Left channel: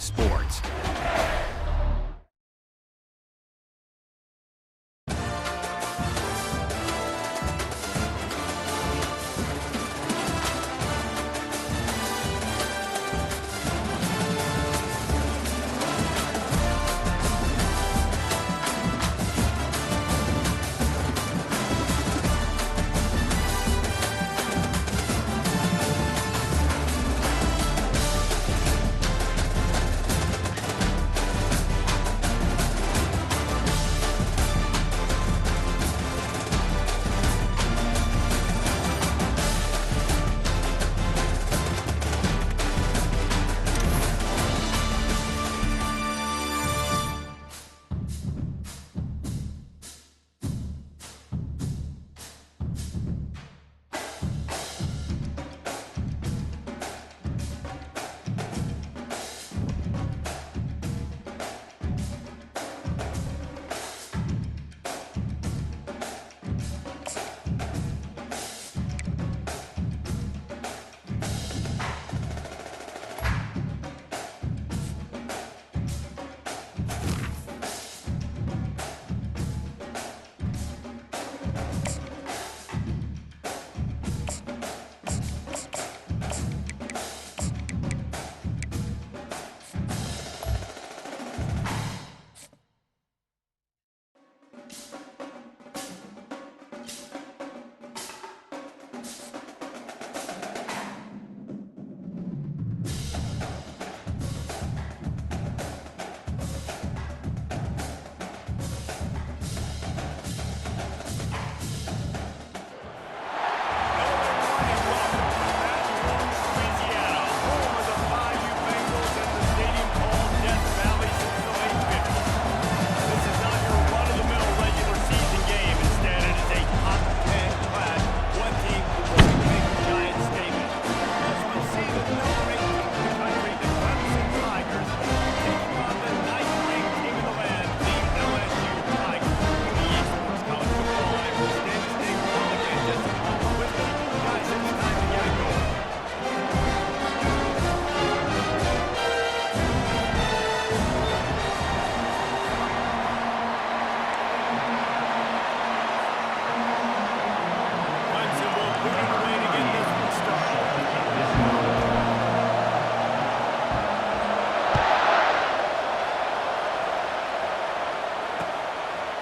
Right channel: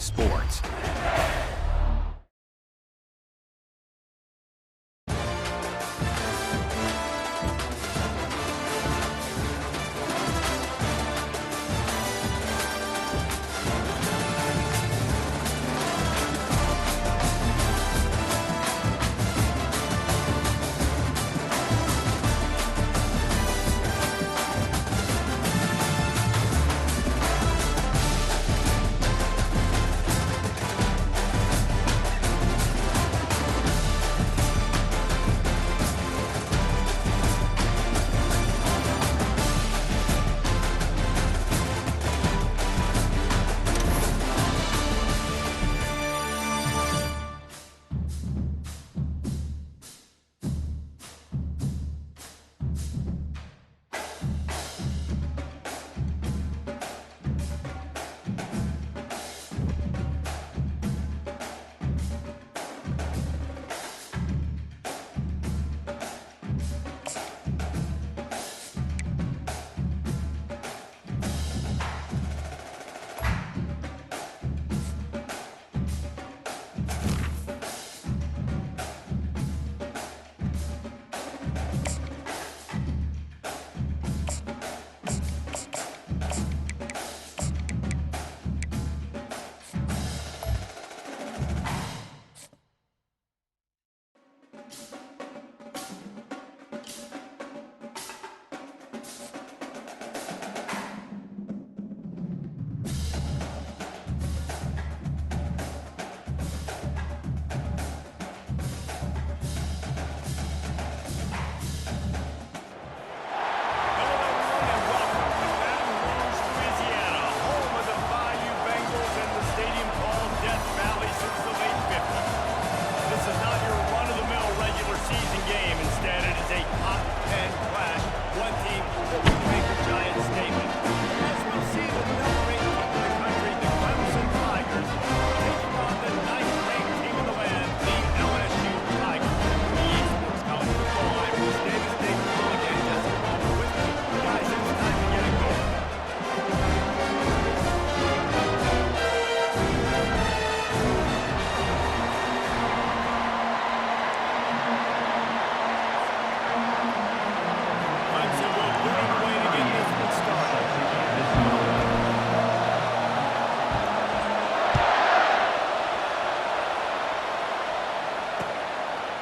sports.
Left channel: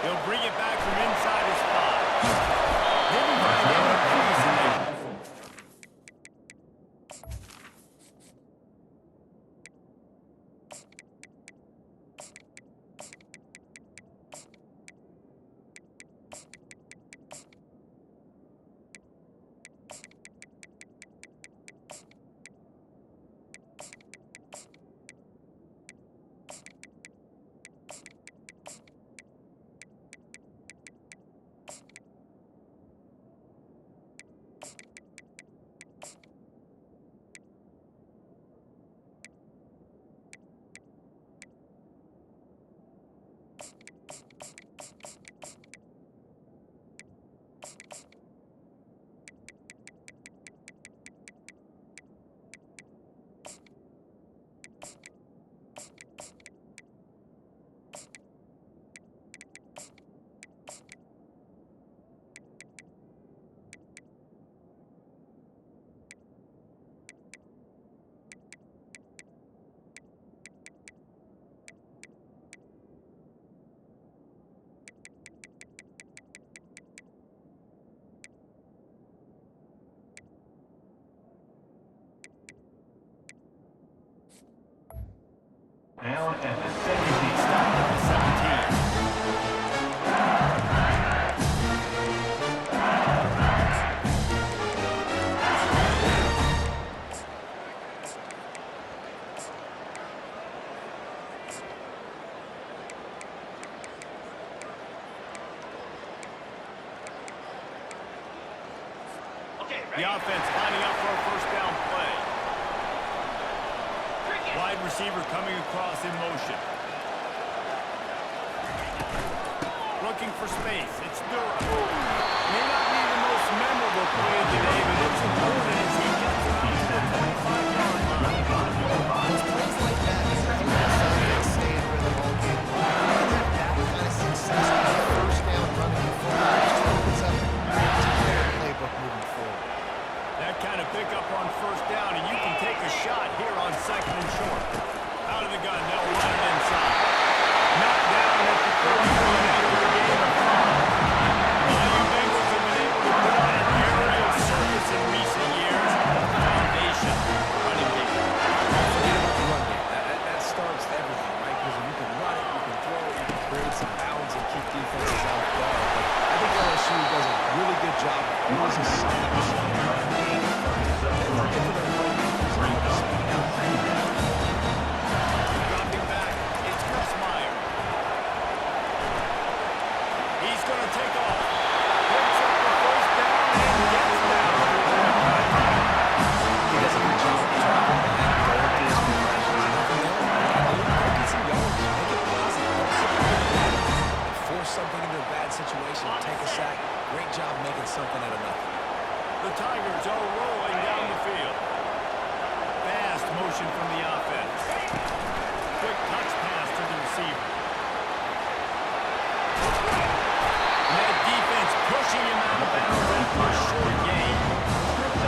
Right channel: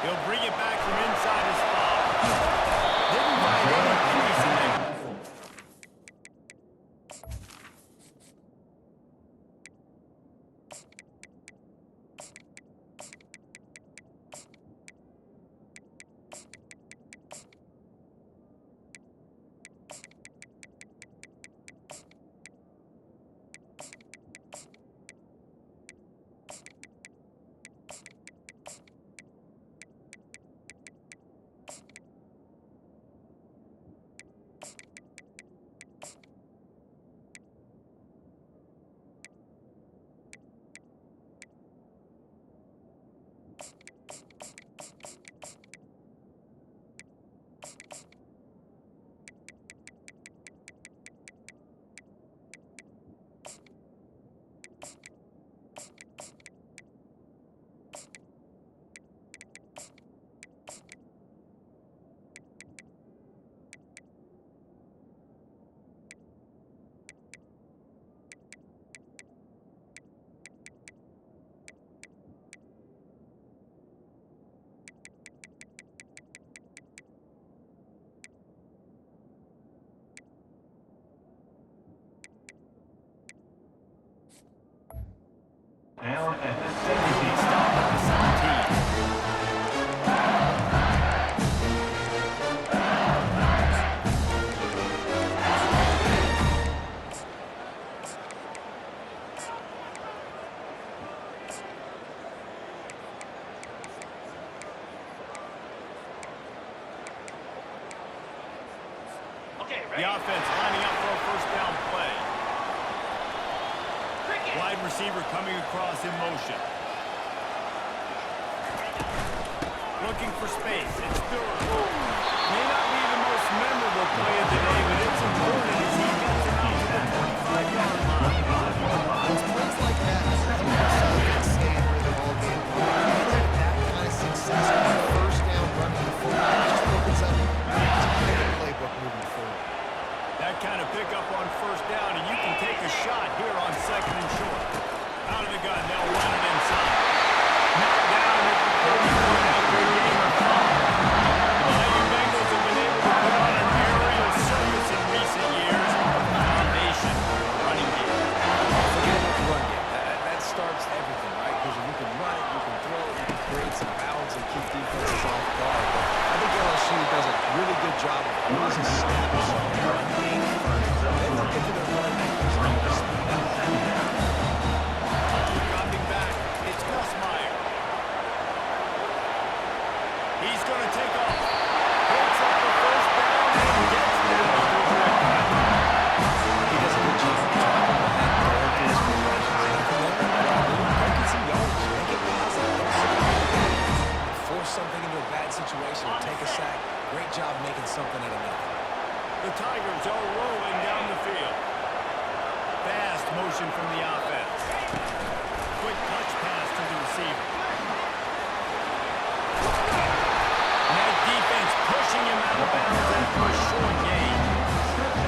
He'll bring it back from inside his 5. Didn't find any crease in that. Down at the 17. Stopped at the 17. The offense lining up for a first down play. Wide receiver coming across in motion. Looking for space. It's Durham. May not be the most memorable play of the day, but it's important as he gets him out to the 25-yard line. It's plays like that That kind of pickup on first down, and you can take a shot here on second and short. Out of the gun, they'll run it inside. Knocked down at the 30-point after a gain of 5. The Miami Bengals have been able to put on an aerial circus in recent years. The foundation, running game. Forget about the run game. That starts everything, right? Because if you can run it, you can throw it, you can create some bounds and keep defenses off guard. But I think LSU does a really good job of always establishing the run game first. Then they get to their playmakers and all the speed out. Dropping back, it's Gus Meyer. He's going to take off. Picks up the first down and gets down through that contact. He does a good job of dropping back, going through his progressions. Nothing there. What I do, go get some yards. Make it positive. Don't sit back in the back and force something into a bad situation or take a sack. Great job making something out of nothing. The Tigers are rolling down the field. Fast motion from the offense. Quick touch pass to the receiver. And that defense pushing him out of bounds after a short gain.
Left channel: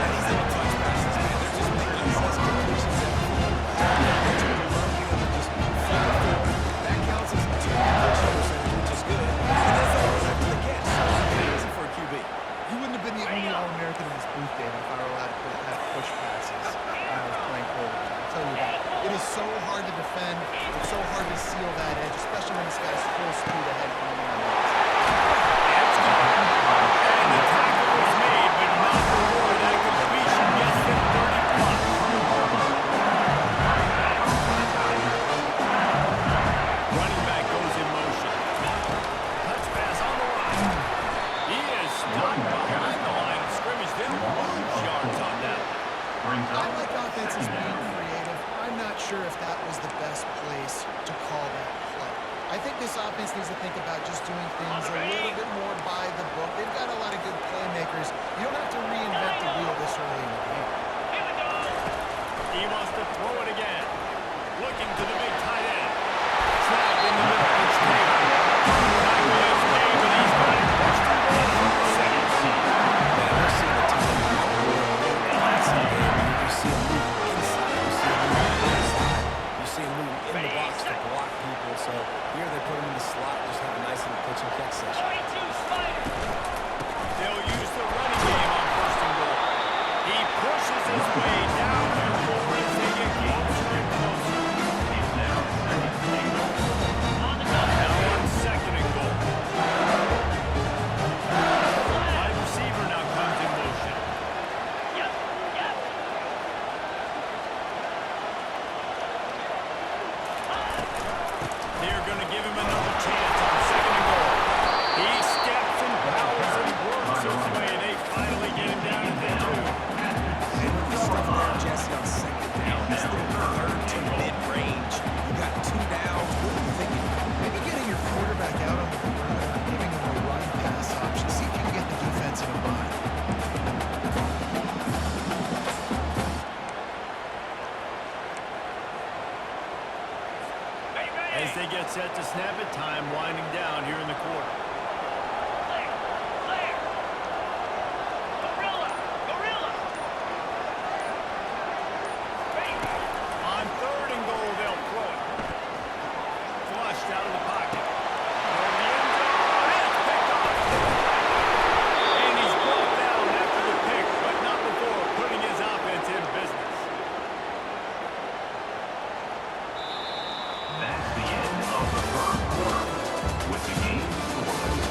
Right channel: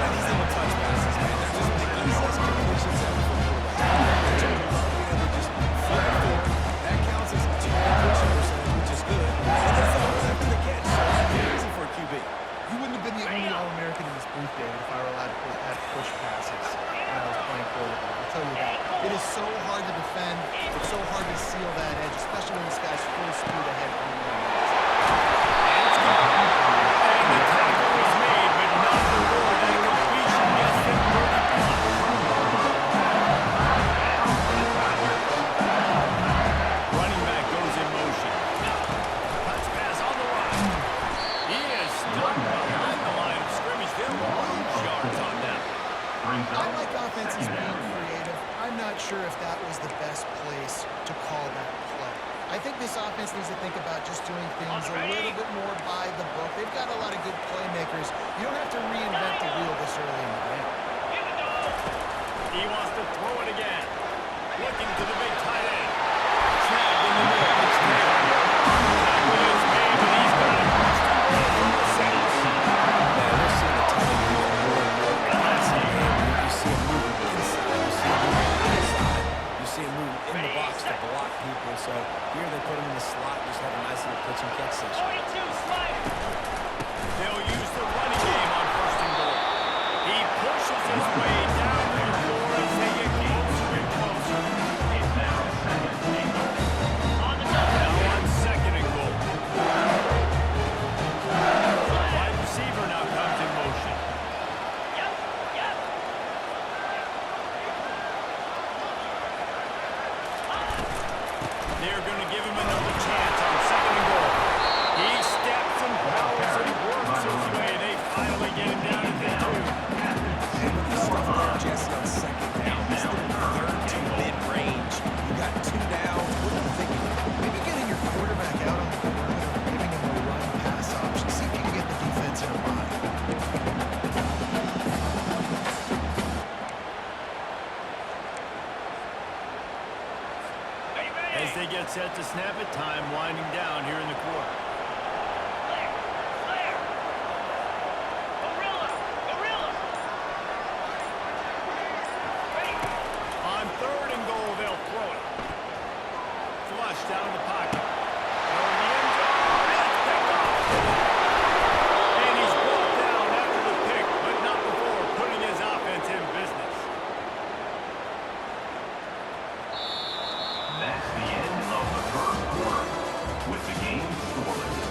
And these little touch passes, man, they're just the easiest completions ever for quarterbacks. They love being able to just flip it forward. That counts as 2 completion percentage, which is good. And then throw it after the catch. So easy for a QB. You wouldn't have been the only All-American in this booth, David, if I were allowed to have push passes when I was playing quarterback. I'll tell you that. It is so hard to defend. It's so hard to seal that edge, especially when this guy's full speed ahead coming in on the outside. And it's gone. And the tackle was made, but not before that completion gets him 30+. Running back goes in motion. Touch pass on the right. He is stopped behind the line of scrimmage. They'll lose yards on that. I like offenses being creative. I'm not sure if that was the best place to call that play. I think this offense needs to think about just doing things a little bit more by the book. They've got a lot of good playmakers. You don't have to reinvent the wheel this early in the game. He wants to throw it again. Looking to the big tight end. Snagged in the middle. It's Taylor. Tackle is made, but he's got it first and goal from the second. Man, we're seeing the tight end move more and more in the passing game. You see him moving inside. You see him moving outside. You see him moving in the box to block people. So here they put him in the slot, just have a nice little pitch and catch session. They'll use the running game on first and goal. He pushes his way down to the floor as they get closer and closer. It's now second and goal. Now on second and goal. Wide receiver now comes in motion. They're going to give him another chance on second and goal. He steps and powers and works his way. They finally get him down to the 2. And with the stuff there, Jesse, on second down, this little third to mid-range, you got 2 downs. What are you thinking? Maybe getting your quarterback out on the perimeter and giving him a run-pass option. See if you can get the defense in a bind. As they get set to snap it, time winding down here in the quarter. On third and goal, they'll throw it. Flushed out of the pocket. Throw in the end zone. It's picked off. And he's brought down after the pick, but not before putting his offense in business. That's the end of the first quarter, with the game scoreless.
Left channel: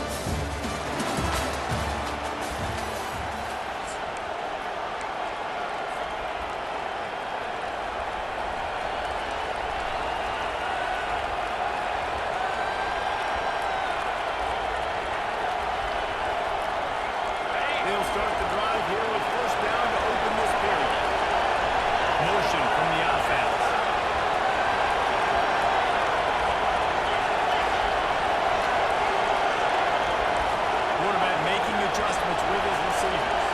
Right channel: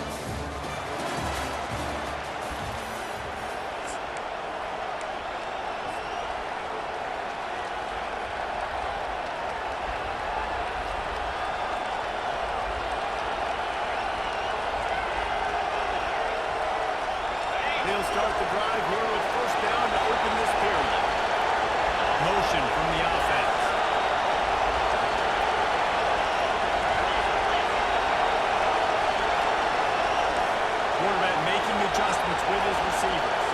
They'll start the drive here with first down to open this period. Motion from the offense. Quarterback making adjustments with his receivers.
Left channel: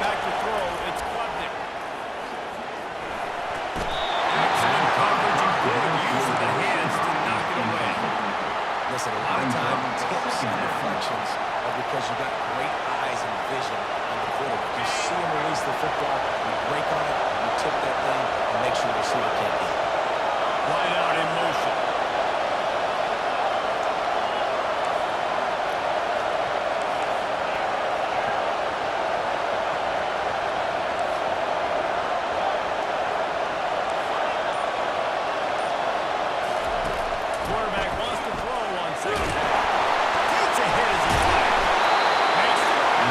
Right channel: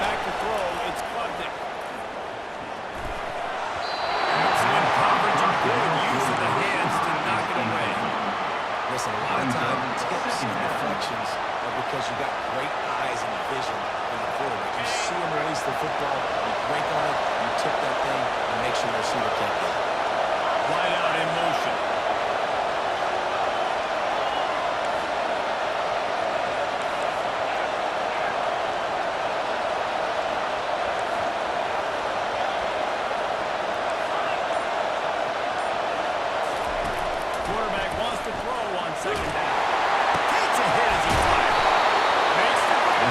Back to throw, it's Klubnik. Excellent coverage and good use of the hands to knock it away. Listen, a lot of time tips and deflections are because you got great eyes and vision on the quarterback. You see him release the football, you break on it, you tip that thing, and make sure the receiver can't get it. Wide out in motion. Quarterback wants to throw on second down. Takes a hit as he fires. Makes the grab.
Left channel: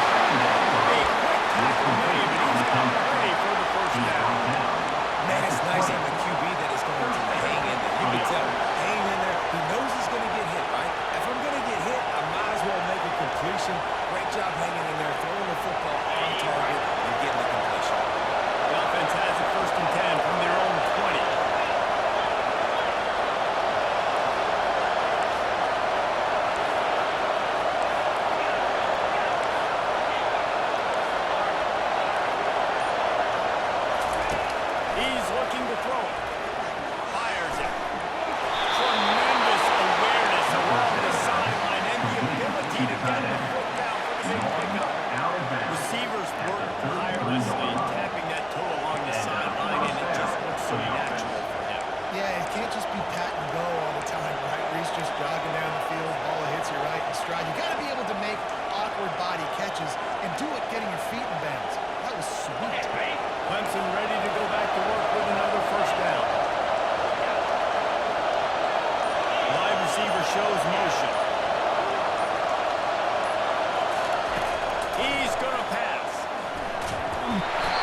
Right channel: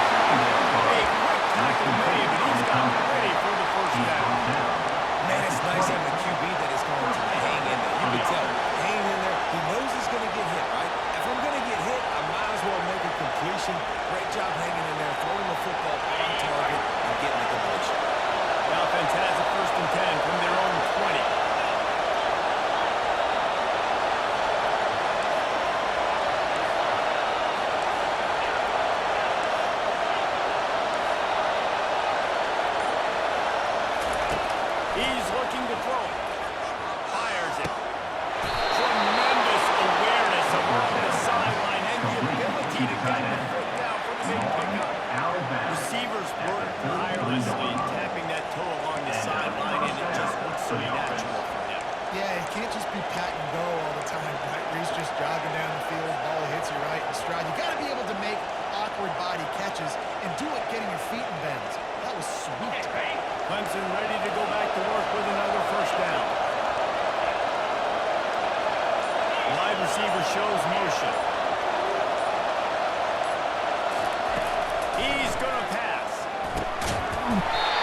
A quick tackle made, but he's got ready for the first down. Man, it's nice having a QB that is going to hang in there. You can tell, hang in there. He knows he's going to get hit, right? If I'm going to get hit, I might as well make a completion. Great job hanging in there, throwing the football on target, and getting the completion. The offense has it 1st and 10 from their own 20. He's looking to throw it. Fires it. Tremendous awareness along the sideline and the ability to get the foot down for the big pickup. Receivers work tirelessly, tapping that toe along the sideline, and it just looks so natural for him. Yeah, it can't just be pat and go all the time, right? Where he's just jogging down the field, ball hits you right in stride. You got to be able to make awkward body catches and do it getting your feet in bounds. That was sweet. Clemson ready to go back to work with another first down. Wide receiver shows motion. He's going to pass.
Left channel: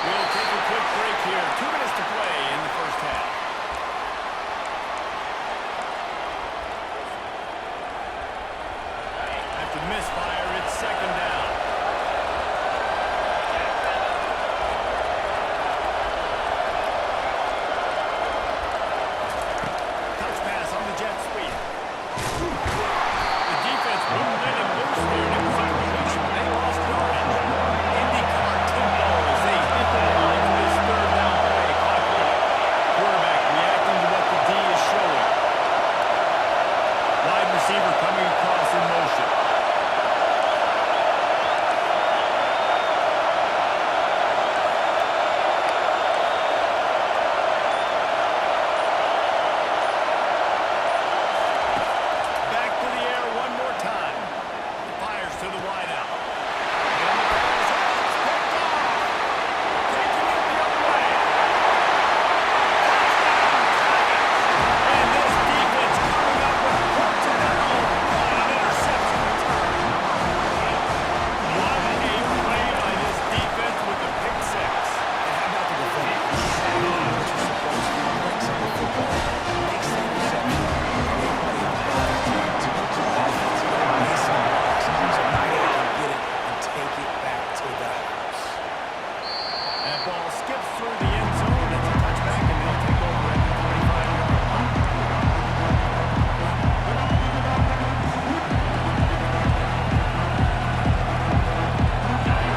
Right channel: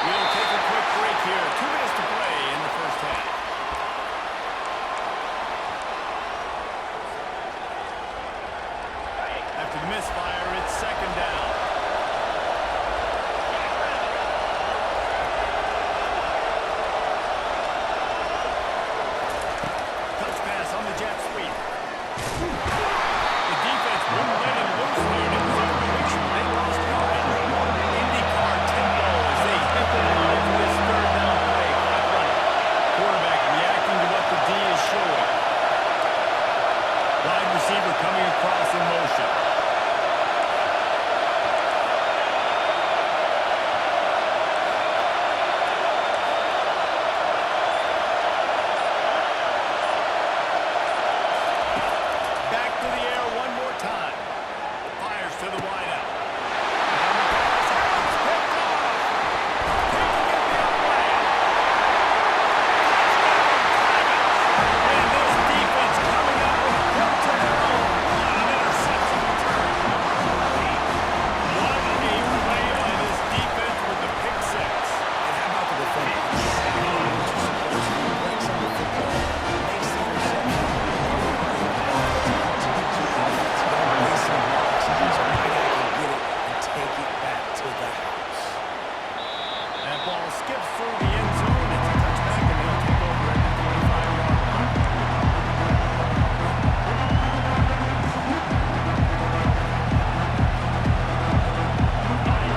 We'll take a quick break here. 2 minutes to play in the first half. After the misfire, it's second down. Touch pass on the jet sweep. The defense wouldn't let him loose there, and it was a completion. They lost yardage. IndyCar tempo as they hit the line for this third down play. Clock running. Quarterback reacting to what the D is showing. Wide receiver coming across in motion. Back to the air one more time. Fires to the wideout. And the pass has picked off. Taking it the other way. Touchdown, Tigers. And this defense coming up with points of their own. What an interception return. What a play by this defense with the pick six. And how about the defender? Exactly what you're supposed to do. Breaks up the football, makes the interception. Everybody on offense to offense. They're basing blocks, so my guy can get it and take it back to the house. That ball skips through the end zone. It's a touchback, and they'll take over at the 25-yard line.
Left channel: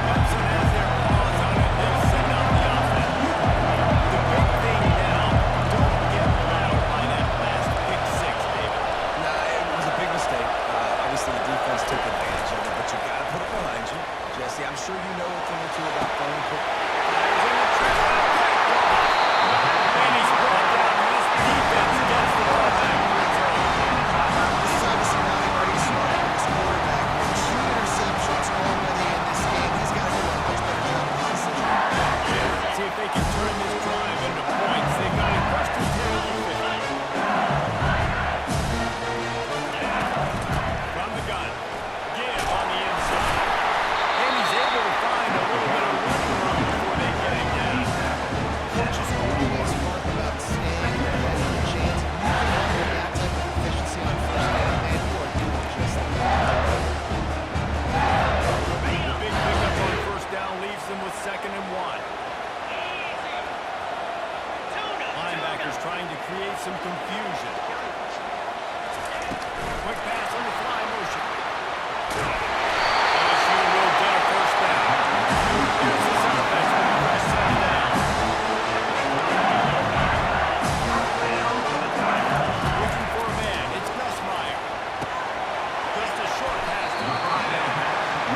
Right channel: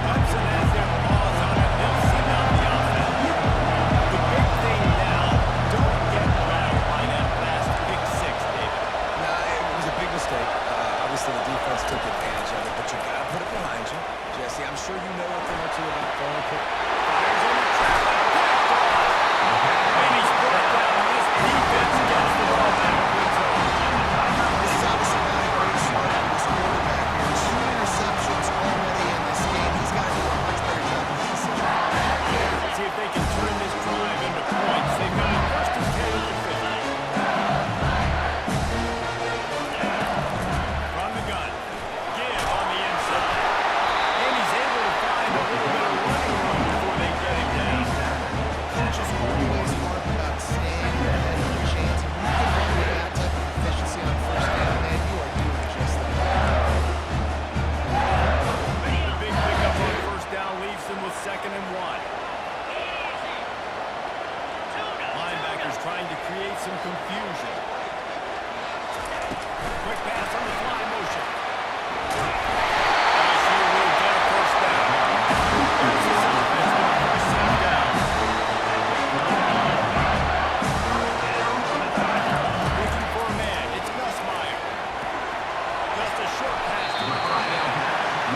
Clemson has their paws on it. They'll send out the offense. The big thing now, don't get rattled by that last pick six, David. Nah, it was a big mistake. Obviously, the defense took advantage of it, but you got to put it behind you. Jesse, I'm sure you know a thing or two about throwing a pick. Fires in the trap and picked off. And he's brought down, and this defense gets the ball back to its own. This is obviously not a great start for this quarterback here. 2 interceptions already in this game. He's got to do a much better job with his decision. See if they can turn this drive into points. They've got it 1st and 10 at the 50. From the gun. Give on the inside. And he's able to find a little bit of running room before they get him down. Coaches always harp about staying ahead of the chains. If you can run with that type of efficiency on first down, man, you are doing just that. The big pickup on first down leaves them with 2nd and 1. Linebackers trying to create some confusion. Quick pass on the fly motion. LSU will get a first down. Here's his offense with a fresh set of downs. Looking for a man. It's Gus Meyer. Just a short pass to the tight end.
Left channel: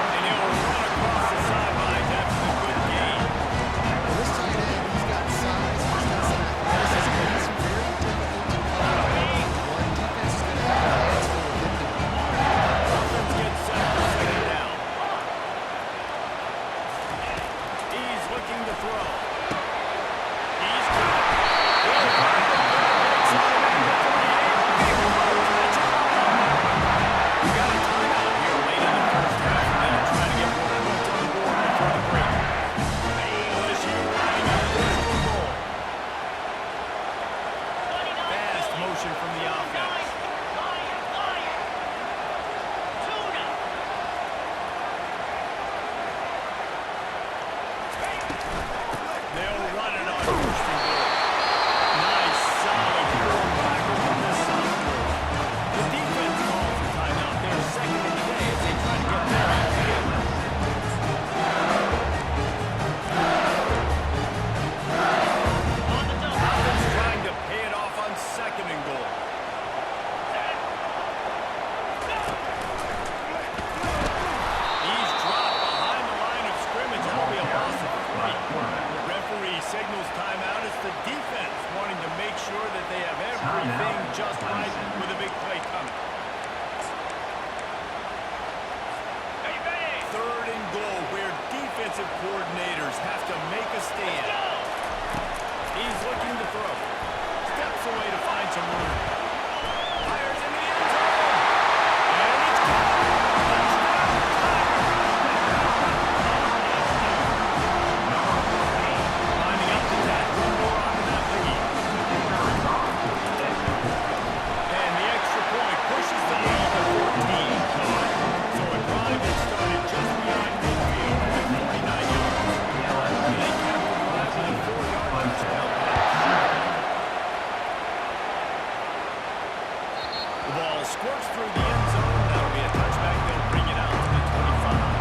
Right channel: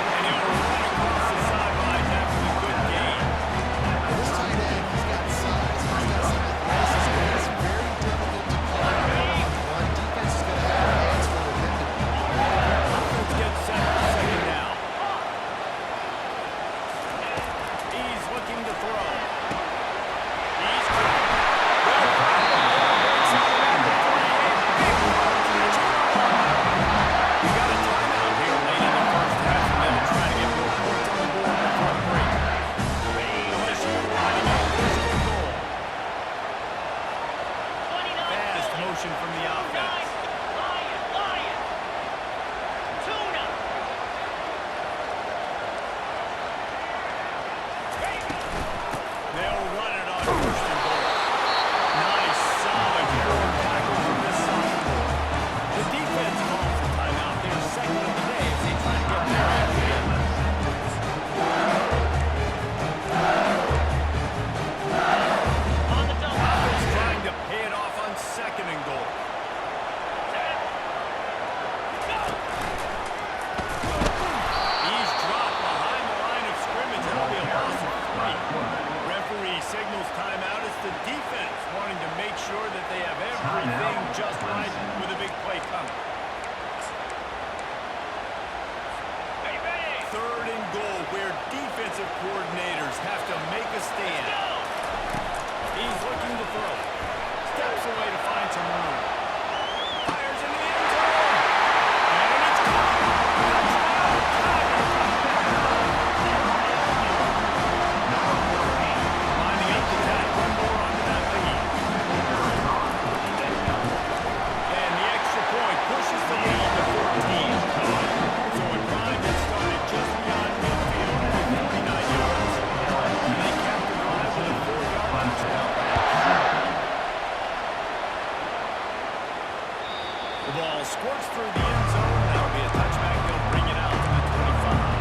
And he'll run across the sidelines after the good gain. Well, this tight end, he's got size, he's got some athleticism, and he's very difficult to cover one-on-one. Defense is going to have their hands full with him today. Offense gets set for second down. He's looking to throw. He's good. Well, finally, put the brakes on him at the 48. Big throw, catch him all on that one. We got a timeout here late in the first half, and they'll try to get more points on the board before the break. LSU lining up first and goal. Fast motion from the offense. They'll run it on first and goal. Nice, solid forward tackle from this sophomore. The defense calls for timeout. They're second of the day as they try to get their act together. Offense trying to pay it off on second and goal. He's dropped behind the line of scrimmage. That'll be a loss of 3. Referee signals timeout. It's the defense wanting to make sure that they have everything just right with a big play coming. Third and goal where defensive coordinators have to make a stand. He's looking to throw. Steps away to find some room. Fires in the end zone. And it's caught. Touchdown, Tigers. Lining up to tack one more onto that lead. And the extra point pushes the lead to 14. So a drive that started just beyond midfield, only 49 yards. And they capped the drive with a 4-yard touchdown pass. The ball squirts through the end zone. That'll be a touchback. They'll bring it out to the 25.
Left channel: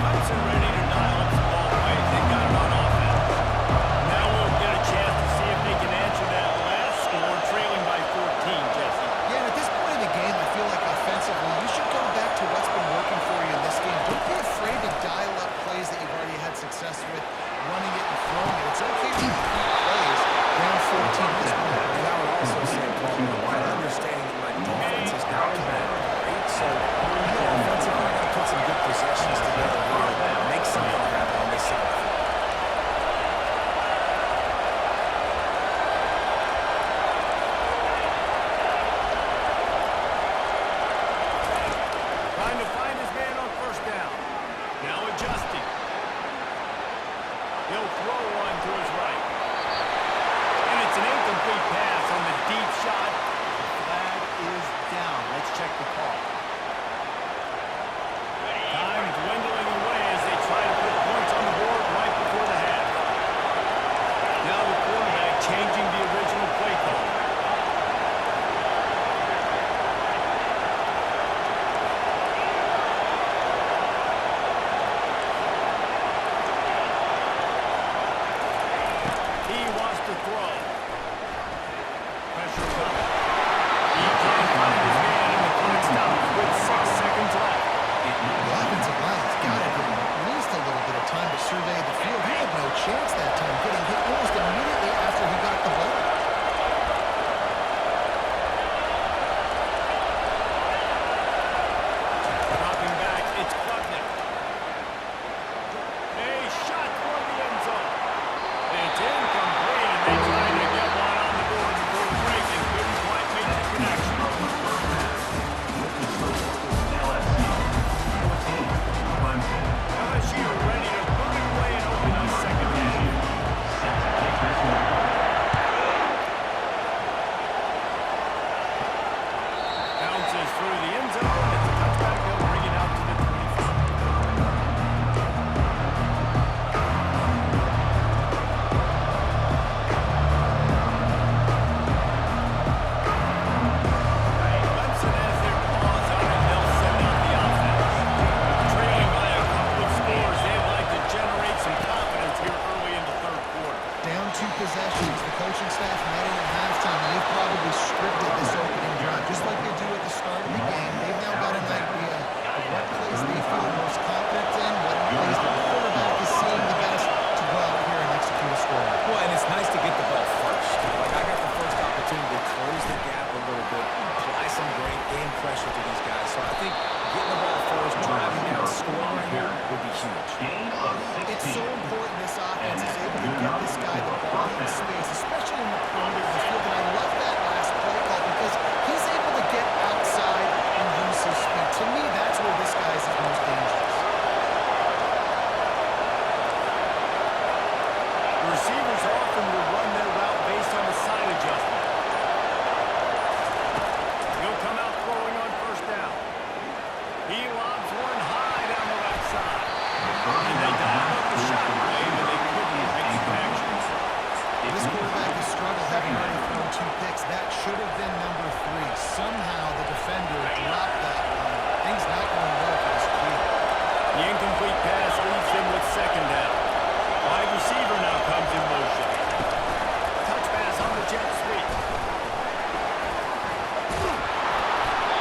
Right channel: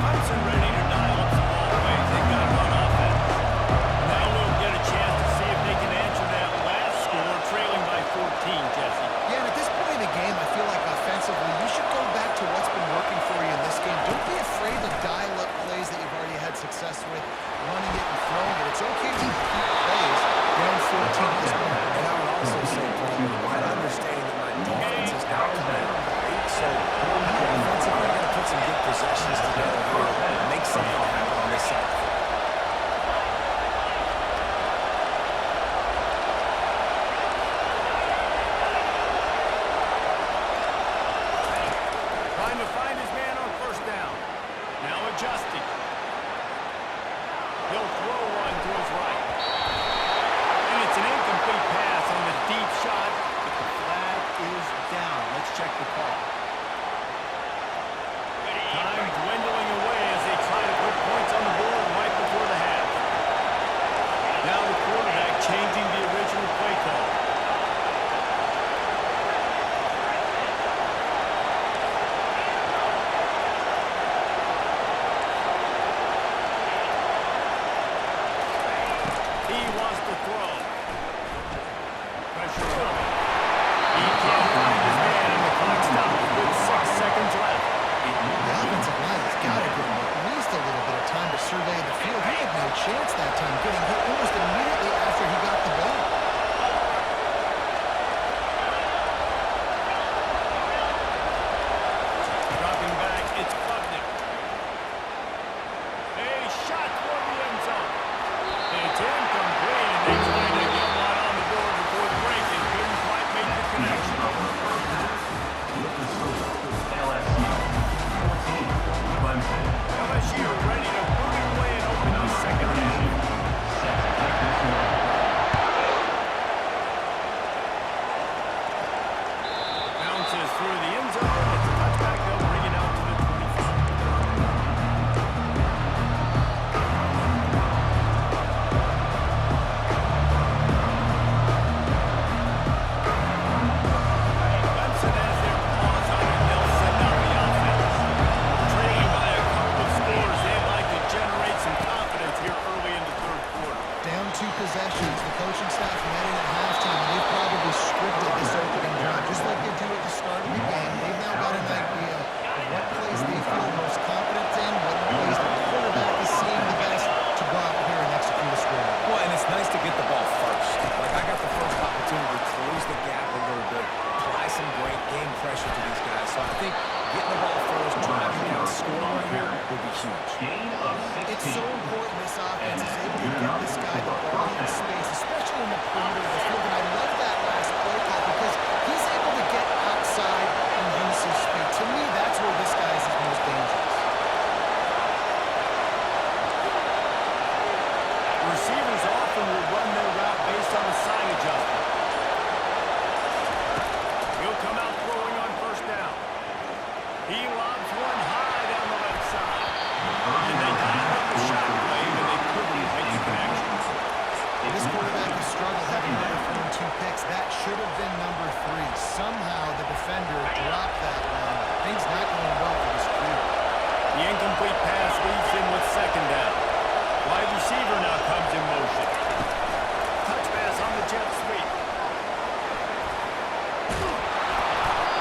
Clemson ready to dial up some ball plays. They've got it on offense. Now we'll get a chance to see if they can answer that last score, trailing by 14, Jesse. Yeah, and at this point in the game, I feel like offensively, you should go back to what's been working for you in this game. Don't be afraid to dial up plays that you've already had success with, running it and throwing it. It's okay to repeat plays down 14 at this point. And I would also say, Paul, while understanding that my defense is not committed great, so I know offensively I got to put some good possessions together here, make something happen on this side of the field. Trying to find his man on first down. Now adjusting. He'll throw one to his right. And it's an incomplete pass on the deep shot, but the flag is down. Let's check the call. Time dwindling away as they try to put points on the board right before the half. Now the quarterback changing the original play call. He wants to throw. Pressure coming. He can't find his man, and the clock stops with 6 seconds left. The offensive line has got to give him at least a little bit of time to survey the field. He had no chance that time, getting hit almost immediately after he got the ball. Dropping back, it's Klubnik. A shot toward the end zone. It's incomplete, and they tried to get one on the board before the break and couldn't quite make the connection. LSU ready to boot it away and open the second half. Bounces through the end zone. It's a touchback. They'll bring it out to the 25. 2 possessions. The coaching staff met in at halftime. They've probably scripted this opening drive, just like they do at the start of the game. They've now got an idea of what plays they feel most confident in, what plays the quarterback is seeing the best to go out here and execute a score. Well, and it's nice to get the ball first. Like, I got the first opportunity to close the gap a little bit, apply some great game pressure to these guys. So I think getting the ball first, driving down, scoring right here would be huge. It's so important this offense is able to get this guy the ball in space, especially in the perimeter of the field. And I love that last play call because he's able to get outside and use his speed. To me, that's where this guy is most dangerous. Receivers often will run their route based on a side adjustment. He'll come out throwing on first down. He lobs one high down the left side. And they dialed up the shot wave, and they couldn't make the connection. This quarterback has struggled, having already thrown 2 picks. That should have been number 3. Somehow the defender dropped that one. Things not going well for this Q. The incomplete pass leaves him with second down. Wide receiver now comes in motion. Touch pass on the jet sweep.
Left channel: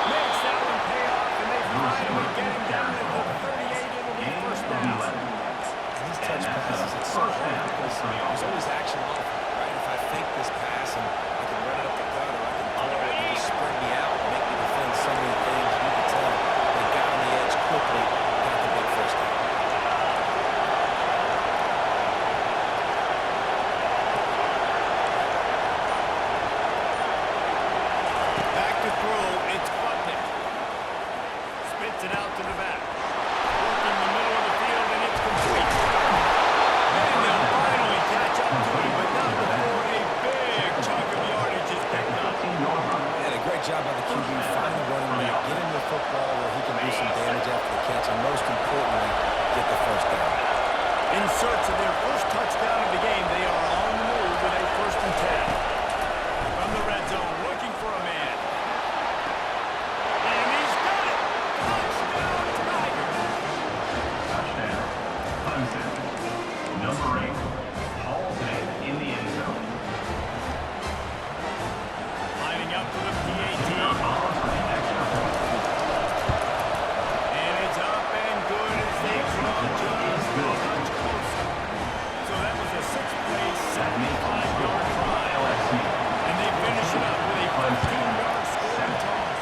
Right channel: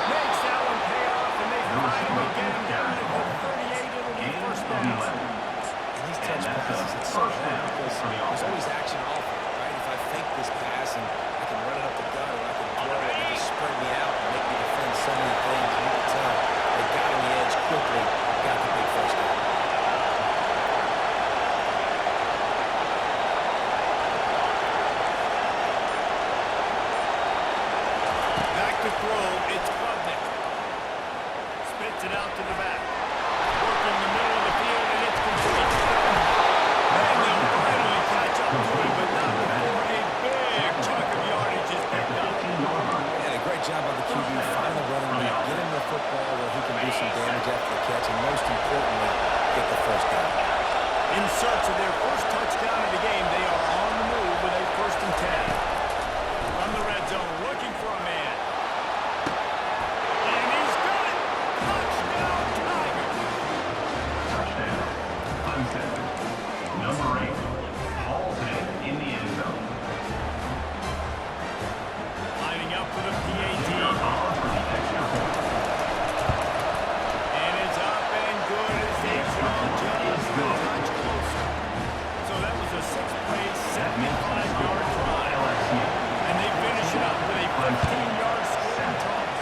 Makes that one pay off, and they finally get him down at the 38. It'll be first down. And these touch passes, it's so hard because there's always action off of it, right? If I fake this pass and I can run it up the gut or I can throw it and just spread me out and make me defend so many things, you can tell they got on the edge quickly, got the big first down. Back to throw, it's Klubnik. Spits it out to the back. Working the middle of the field, and it's complete. Man, they'll finally catch up to him, but not before a big chunk of yardage is picked up. And a great job by the QB, find the running back, get him the football where he can do some damage after the catch, and most importantly, get the first down. In search of their first touchdown of the game, they are on the move with a 1st and 10. From the red zone, looking for a man. And he's got it! Touchdown, Tigers! Touchdown. Clemson. Number 8. Hall's in the end zone. Lining up for the PAT. On for the extra point. And it's up and good as they draw just a touch closer. So that was a 6-play, 75-yard drive. And they finish it up with a 15-yard scoring toss.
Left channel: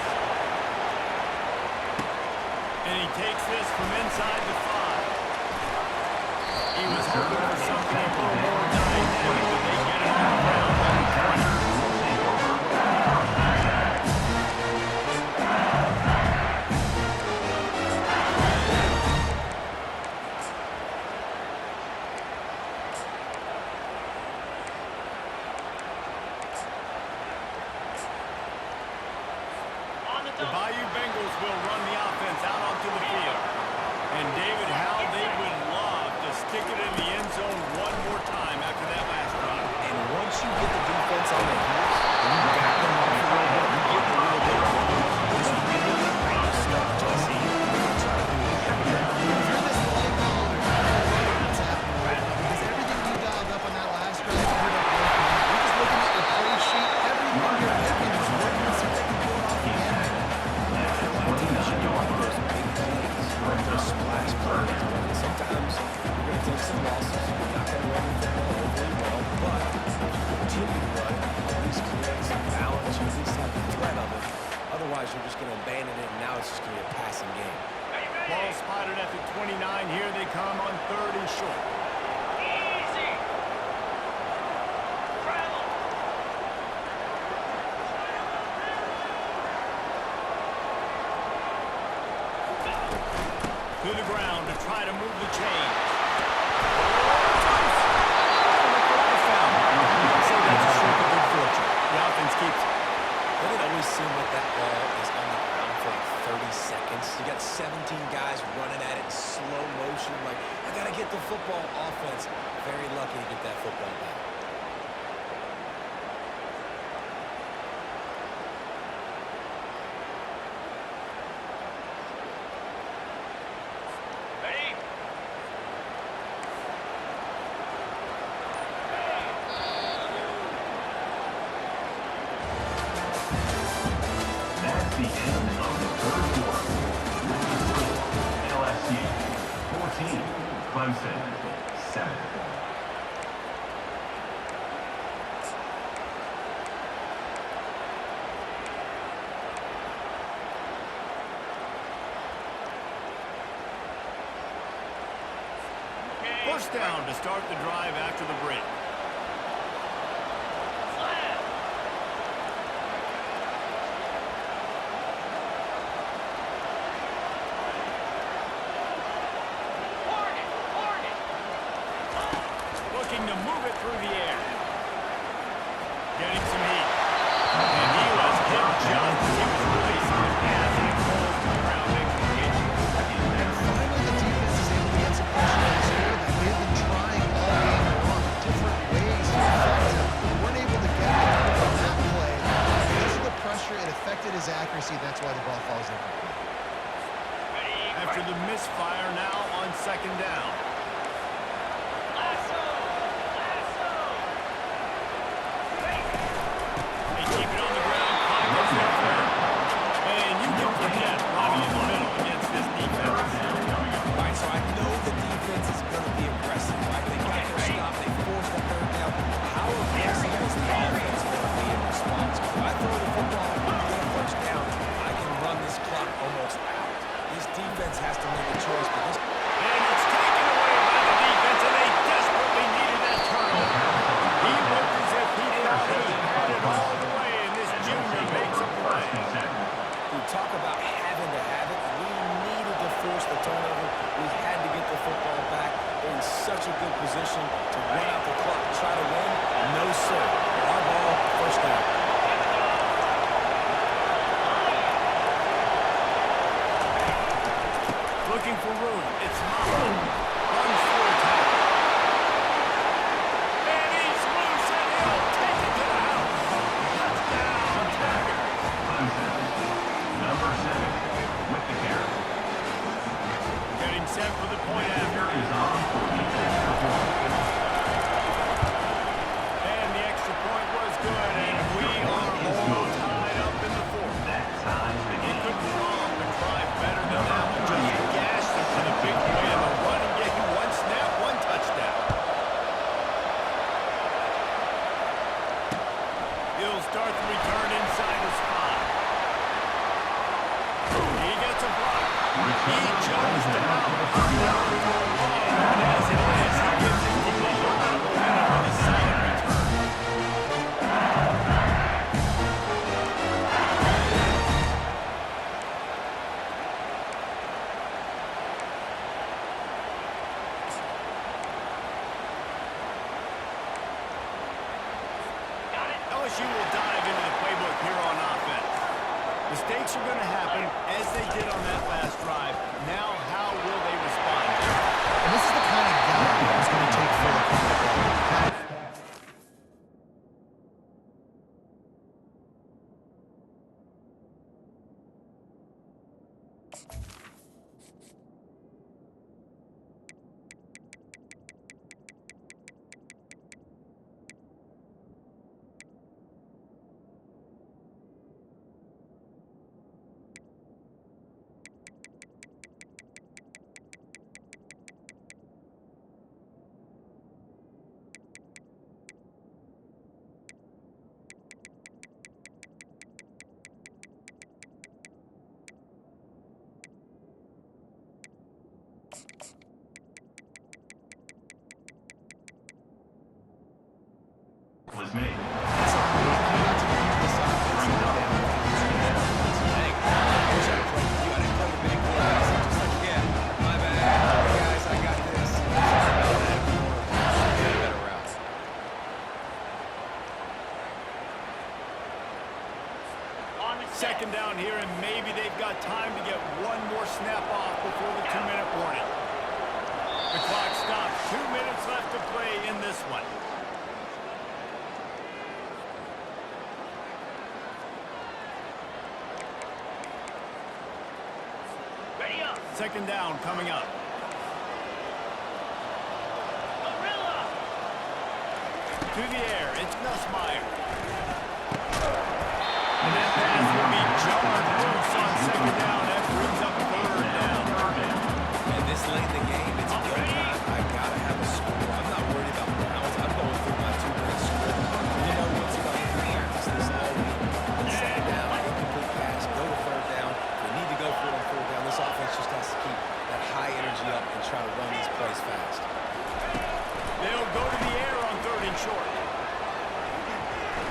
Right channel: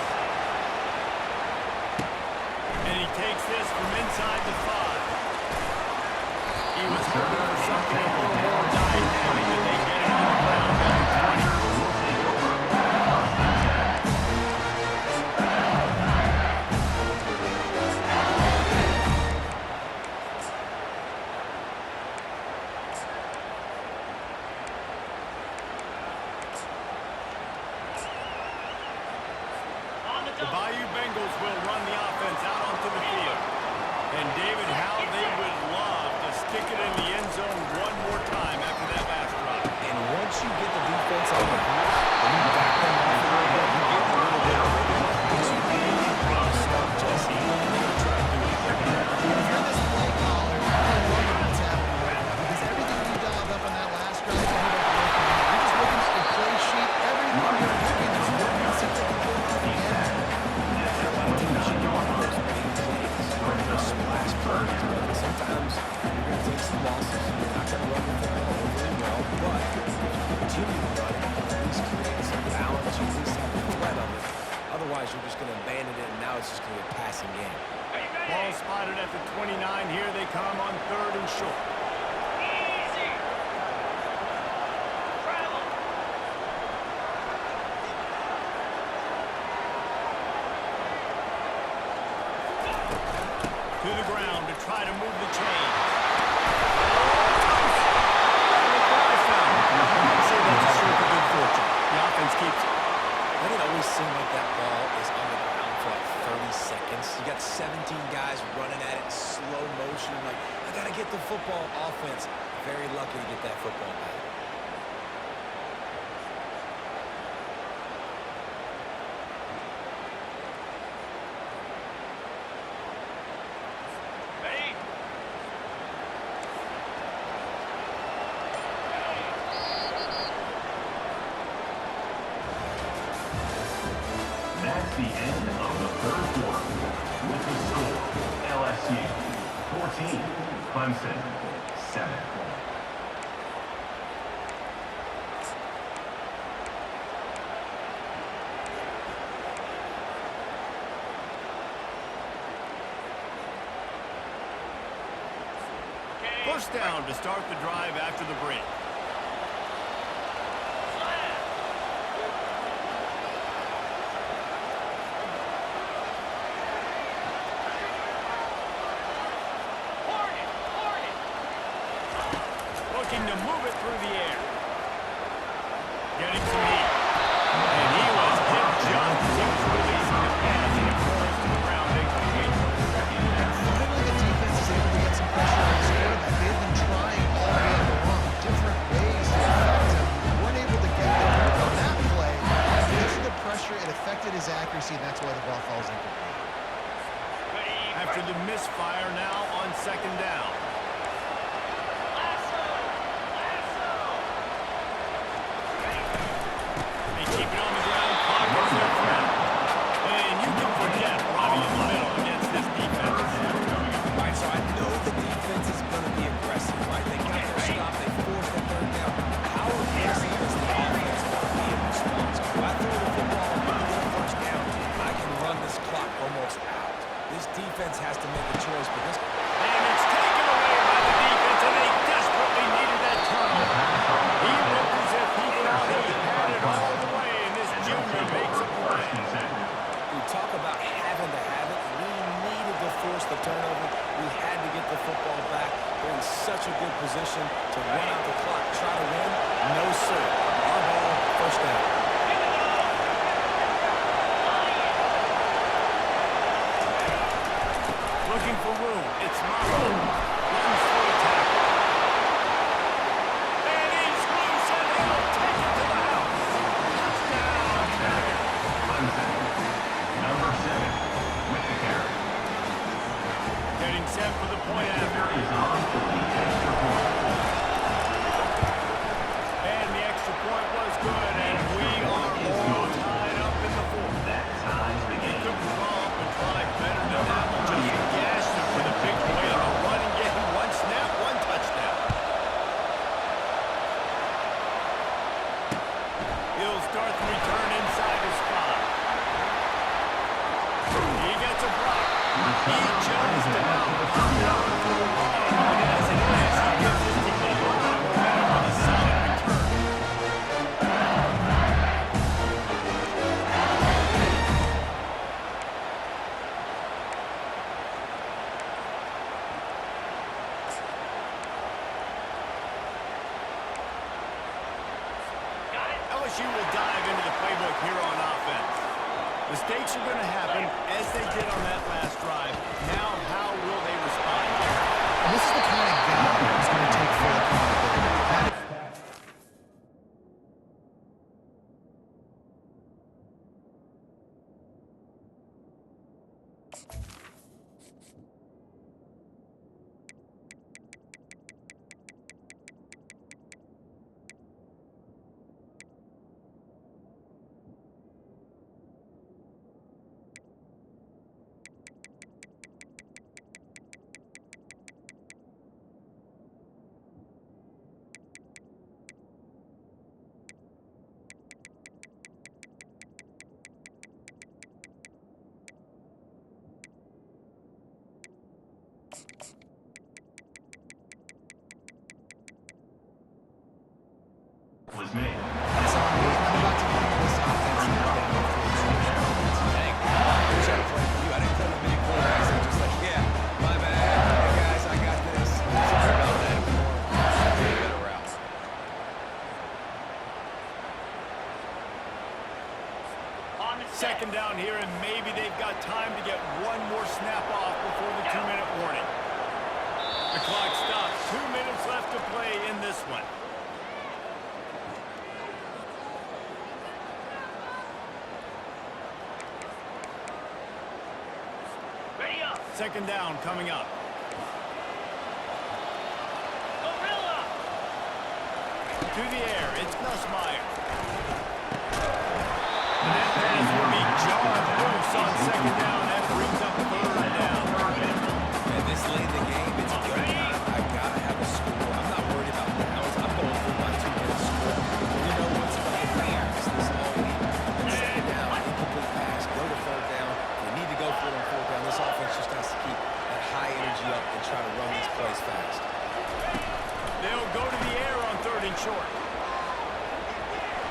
And he takes this from inside the 5. He was hoping for something a little more dynamic, but they get him on the ground at the 20. The Bayou Bengals will run the offense out onto the field. And David, how they would love to stick it in the end zone one more time after that last drive. And once you get the defense on their heels, and you back them off a little bit, you get a little bit of rhythm. It's really hard to stop Jesse, and they're going to try to do it again. If you're this play caller, you're loving what's happening right now because everything you dialed up on that last drive ended up working out. You're just looking at your play sheet. Everything you're picking is working to see if they can pull it off again. Those big plays, those splash plays, but sometimes you're going to take some losses. You're not going to run the football overly well, but if you continue to run it, you at least create some balance. You at least have the threat of it. Otherwise, you're just going to abandon it, and now it's just going to be a passing game. Ball spotted at the 29. Here they come on 3rd and short. Easy. Travel. To the ground to try to move the chains. Oh, look what I found. I'd say that's a stroke of good fortune. The offense keeps it. Doesn't it always seem like that ball is on the ground for like 30 seconds? You got 17 guys running at it in slow motion. Like, I got to get the football. Offense, very lucky to get that football back. Ready? the end of the third quarter. With the score, LSU 14, Clemson 7. First down to start the drive after the break. Slam. Hornet. Looking to move it through the air. Getting some heat. And he was hit just as he was releasing the pass, and it falls to the ground incomplete. And finally, the defense is able to get some pressure on this quarterback. They've been trying all game long, different ways to affect him. Weren't able to get there. But on that play, because of the pressure, it affected his accuracy, and that's why the ball falls incomplete. After the misfire, now on second down. Lasso. They keep it on the ground. Clock is their friend. And you can forget running in the middle against this defense. Right, so I know the defense is going to be aggressive, right? They got their stop. They forced the third down. How aggressive does the offense want to be in response? If I throw the football and get a first down, I can run this clock almost out. This defense has to make a choice, but this... And it's taken away by the defense, and they desperately needed that turnover. He looked as if he thought he had it all the way, and this junior makes a play. We talk about having to have it. We needed to force the turnover. We had to get the football back. They're in such a good position to run out the clock, try to win. No, sir. Our ball, first down. Looking for room. It's Maffa. Runs through a tackle. And he's loose, and he'll take it to the house. Touchdown, Tigers. Clemson, number 7, with the carry. Getting set for the point after. Is on for the extra point. And the extra point was good, and we are all tied up in the fourth. That ties the He game. couldn't draw up a drive better than that one. Just gashed him for the big play in the running game. One snap, one touchdown. He'll start the return inside his 5. He gets a block. He chose to out pop that one for a long. And as it is, he gives his team a lot of momentum with a solid return. LSU will dive into the playbook here on offense. Mistakes are going to happen, as they did on that last drive. Now, how will they respond? And this is the kind of guy who's going to take full accountability. Was made. It's on me. I'm about to lead this offense now down the field. Dang, I wish I had played with you. I didn't play with many quarterbacks. I'm just like, yeah, my bad. Hey, guys, I got this. Sorry about that. More better routes. Second down here, and maybe they've got time to get one more snap off before the 2-minute warning. The clock stops. 2 minutes left to play in this one. Ready up. Second down coming up. Gorilla. To the air, it's Nussmeier. And that pass will be jarred loose on second down. That brings up third down. And this late in the game, it's go time. I got to have a score. I'm not worried about downs. I'm going through my 2-minute script. You know what's coming. We practice this all week. And second down, incomplete pass, go to third down. We need to go for it on fourth down. This offense just has to keep that high energy up and try to run these plays fast. They'll go to the air on third and short.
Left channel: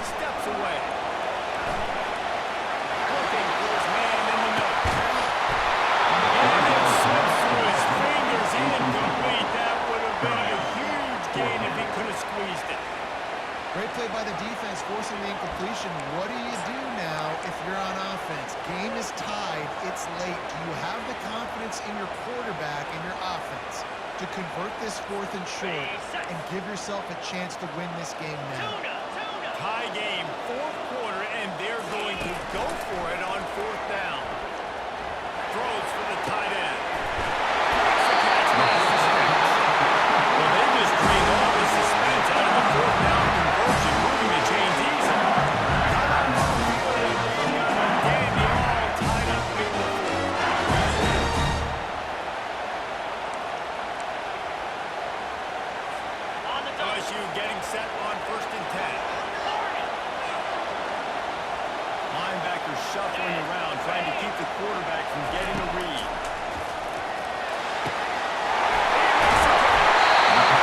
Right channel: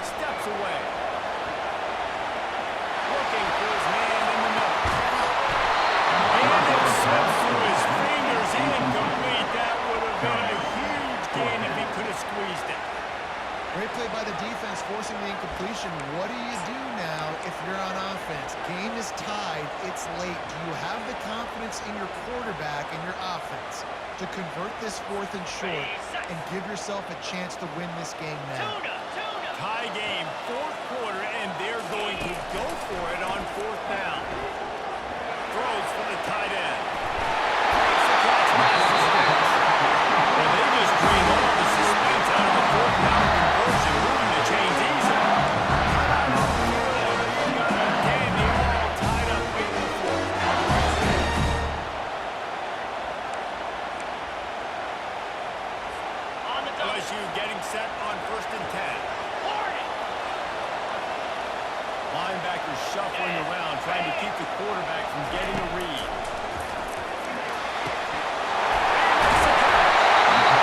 Steps away. Looking for his man in the middle. And it slips through his fingers. Incomplete. That would have been a huge gain if he could have squeezed it. Great play by the defense, forcing the incompletion. What do you do now if you're on offense? Game is tied. It's late. Do you have the confidence in your quarterback and your offense to convert this fourth and short and give yourself a chance to win this game now? Tie game, fourth quarter, and they're going to go for it on fourth down. Throws for the tight end. Makes the catch past the sticks. Well, they just drained all the suspense out of the fourth down conversion, moving the chains easily. Timeout on the field, and we got a dandy all tied up late in the fourth. LSU getting set on 1st and 10. Linebackers shuffling around, trying to keep the quarterback from getting a read. He makes the catch.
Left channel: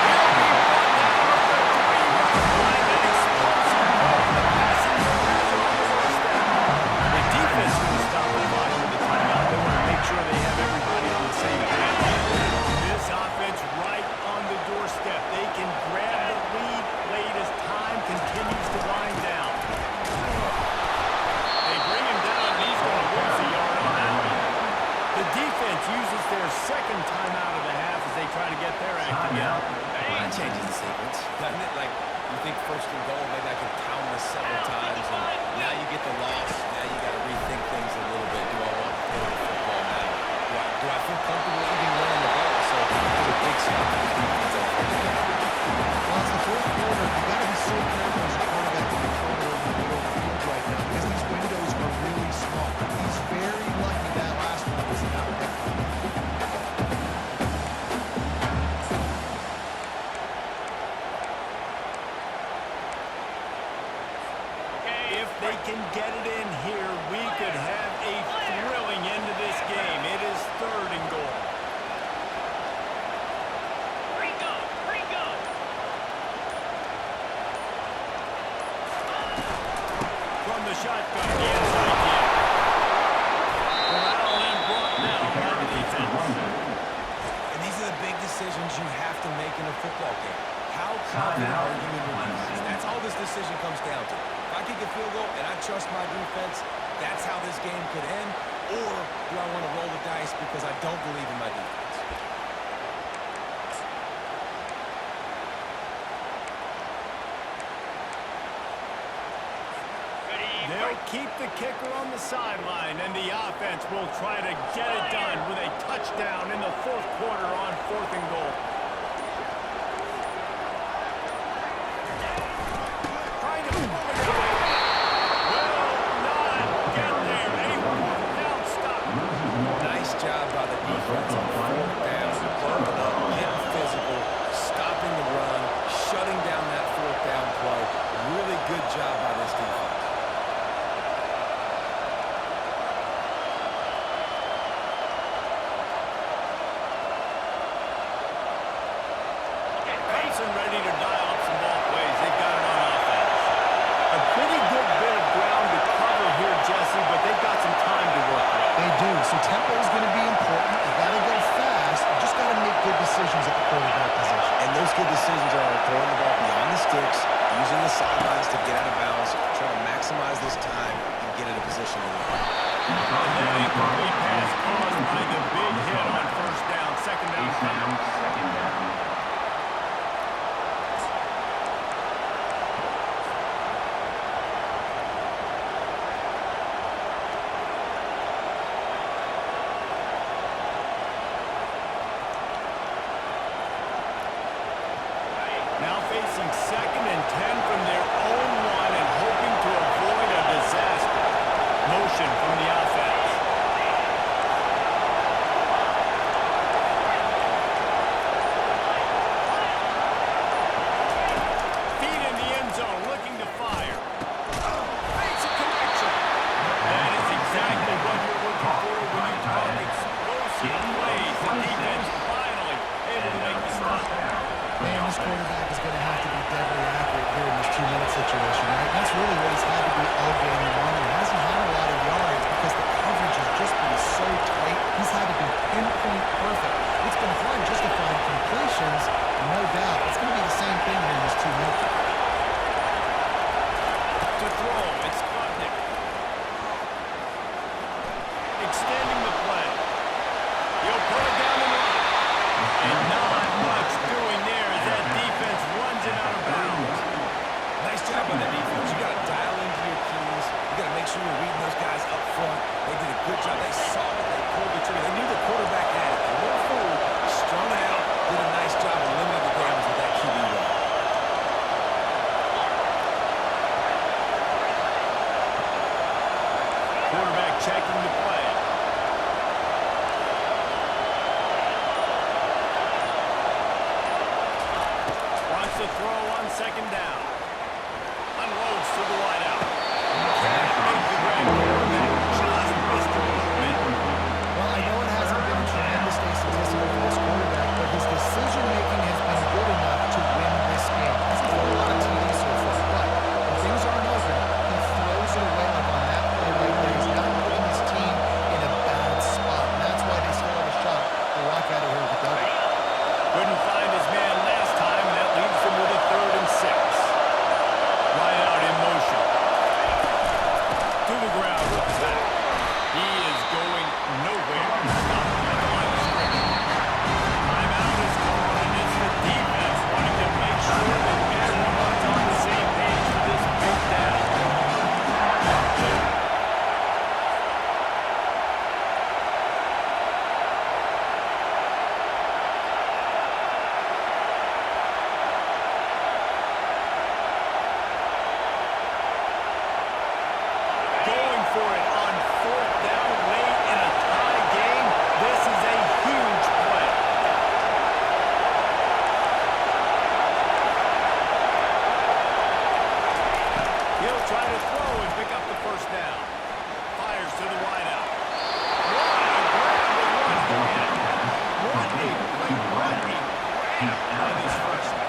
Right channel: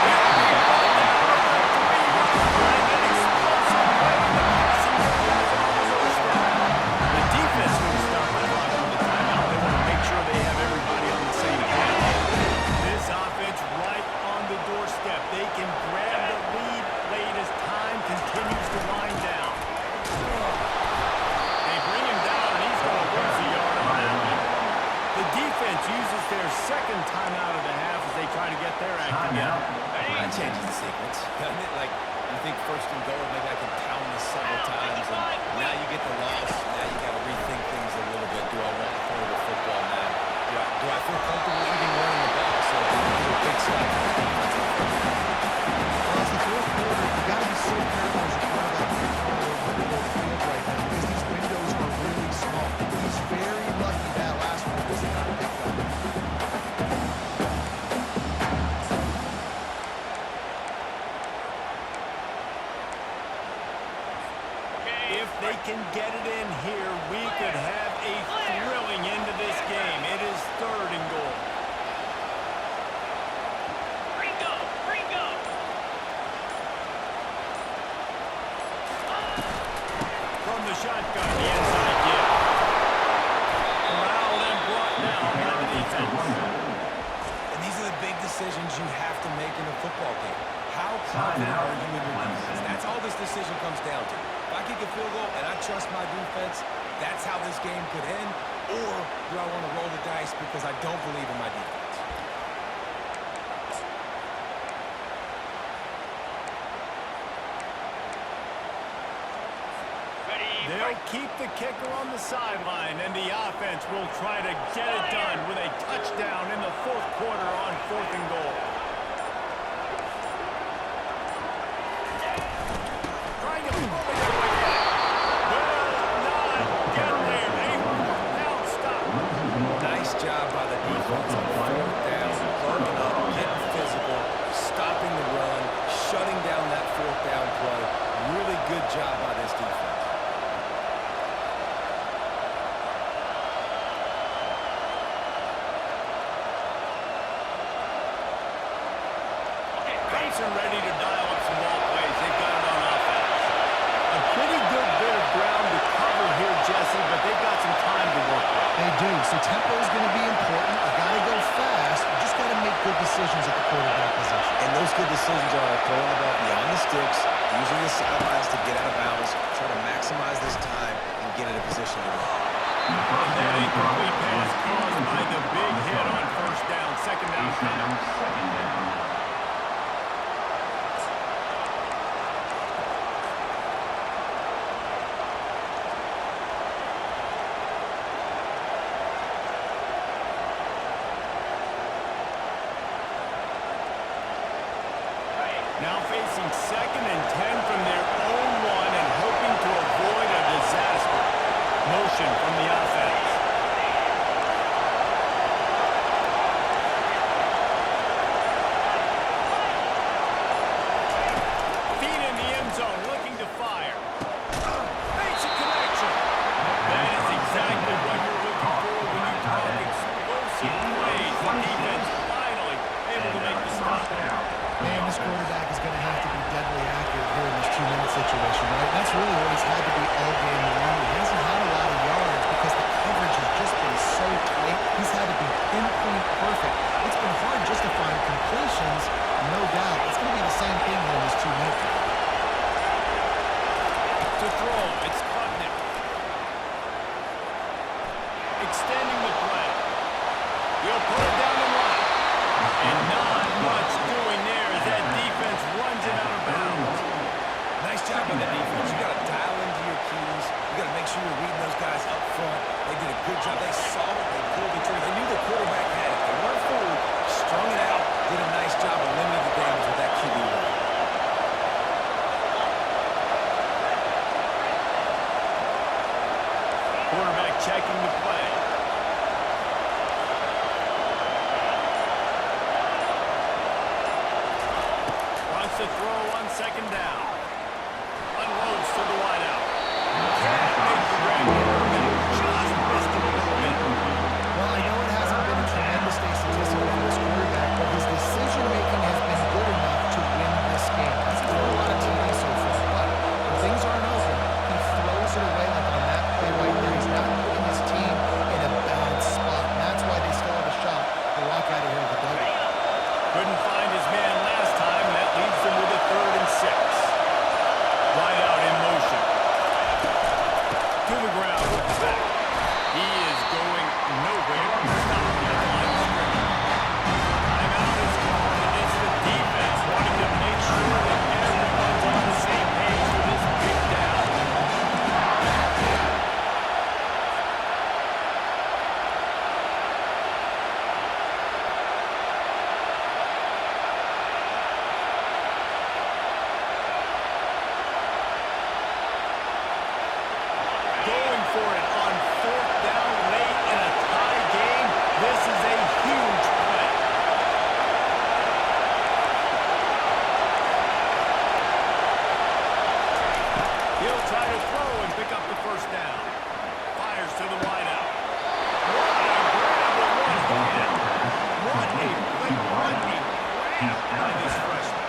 He'll be brought down at the 3-yard line. An explosive play in the passing game has it on the doorstep. The defense going to stop the clock with the timeout. They want to make sure they have everybody on the same page. This offense right on the doorstep. They can grab the lead late as time continues to wind down. Bring him down, and he's going to lose a yard on that one. The defense uses their second timeout of the half as they try to get their act together. That changes the sequence, doesn't it? Like, you think first and goal, maybe I can pound this several times, and now you get the loss. Now you got to rethink things a little bit. Do I want to throw the football now? Do I feel comfortable even running the ball? So these are big stuff for this defense on first down. Well, it's the fourth quarter. You got to be so careful as your quarterback when you're throwing it over the middle of the field right now because these windows are really small. He's very lucky that last one was not picked up. If they can get it in here, we could have a thrilling end to this game. It is 3rd and goal. Ringo! From the shotgun, the inside give. Corralled and brought down by the defense. And these are the big decisions you have to make in a football game. How confident are you in your defense? That's all this decision comes down to. If I kick a field goal and I trust my defense, that's how this game could end. Or do I want to roll the dice because I don't believe in my defense? They'll keep the kicker on the sideline, and the offense will try to get it done with a touchdown in the fourth quarter on 4th and goal. Trying to pull it away. Will not get there. A 4th down stop. Nice job by the defense on 4th down. Burning up, getting physical, stopping the run, shutting down that 4th down play. Really good job by this defense. Clemson ready to dial up some ball plays. They've got it on offense. A pretty good bit of ground to cover here, Jesse, but they've got some time to work with. They do. So tempo is going to be important. You got to go fast. You just got to make good decisions at the quarterback position. And those good decisions are throwing the ball beyond the sticks, using the sidelines to get out of bounds, trying to maximize this time and get in a position to win. And that incomplete pass caused by the big hit on 1st down. Second down coming. Second down. Now facing 2nd and 10 from their own 1 and hoping to avoid a disaster. Motion from the offense. Feet in the end zone, looking to fire. Makes a connection. That is exactly what you're looking for when you talk explosive plays. The defense finally able to make the stop. Man, this quarterback is going to have to be deadly accurate here in this 2-minute situation, right? That's really what he's had to be all game long. He hasn't had a lot of yards because the coverage has just been so tight. He's had to be pinpoint perfect. It's been hard just to find completions, no doubt. It's going to be the same thing here in this 2-minute. To throw, it's Klutnick. Extending the play. He'll put it down and run. And not much doing there as that defense runs him out of bounds. Nice job on the defense. You got to dial into your keys. You got to make sure you're reading those guys up front. They did a good job. They saw it. They pulled the trigger. They knew the quarterback had it. They weren't fooled. Strung it out. Did a nice job of limiting the damage with that QB run. Quarterback checking the play. Wants to throw on second down. Unloads to the wideout. Can't make the grab. Quarterback just missed him a little bit. Well, I know it hasn't been a tremendous day statistically for this quarterback, but his decision-making has been good enough to win this game. Hasn't thrown a lot of TDs so far, but when things aren't open, he throws it away like on that play right there. He's not putting his team in a bad spot, and that's why they still have a shot to walk out of here with a W. Couldn't find his man last time, and that leaves them with a 3rd and 6. Wide out in motion. To the ground with the back. He is going nowhere. Stop at the line of scrimmage. Timeout is called, and it's the defense wanting to make sure that everyone's on the same page for this big down. Going for it on 4th down late in a tie game. This is a huge play. He'll try to throw and pick up the 1st down. Fires to the wideout. What a grab with one hand. What a play. What a grab by this freshman.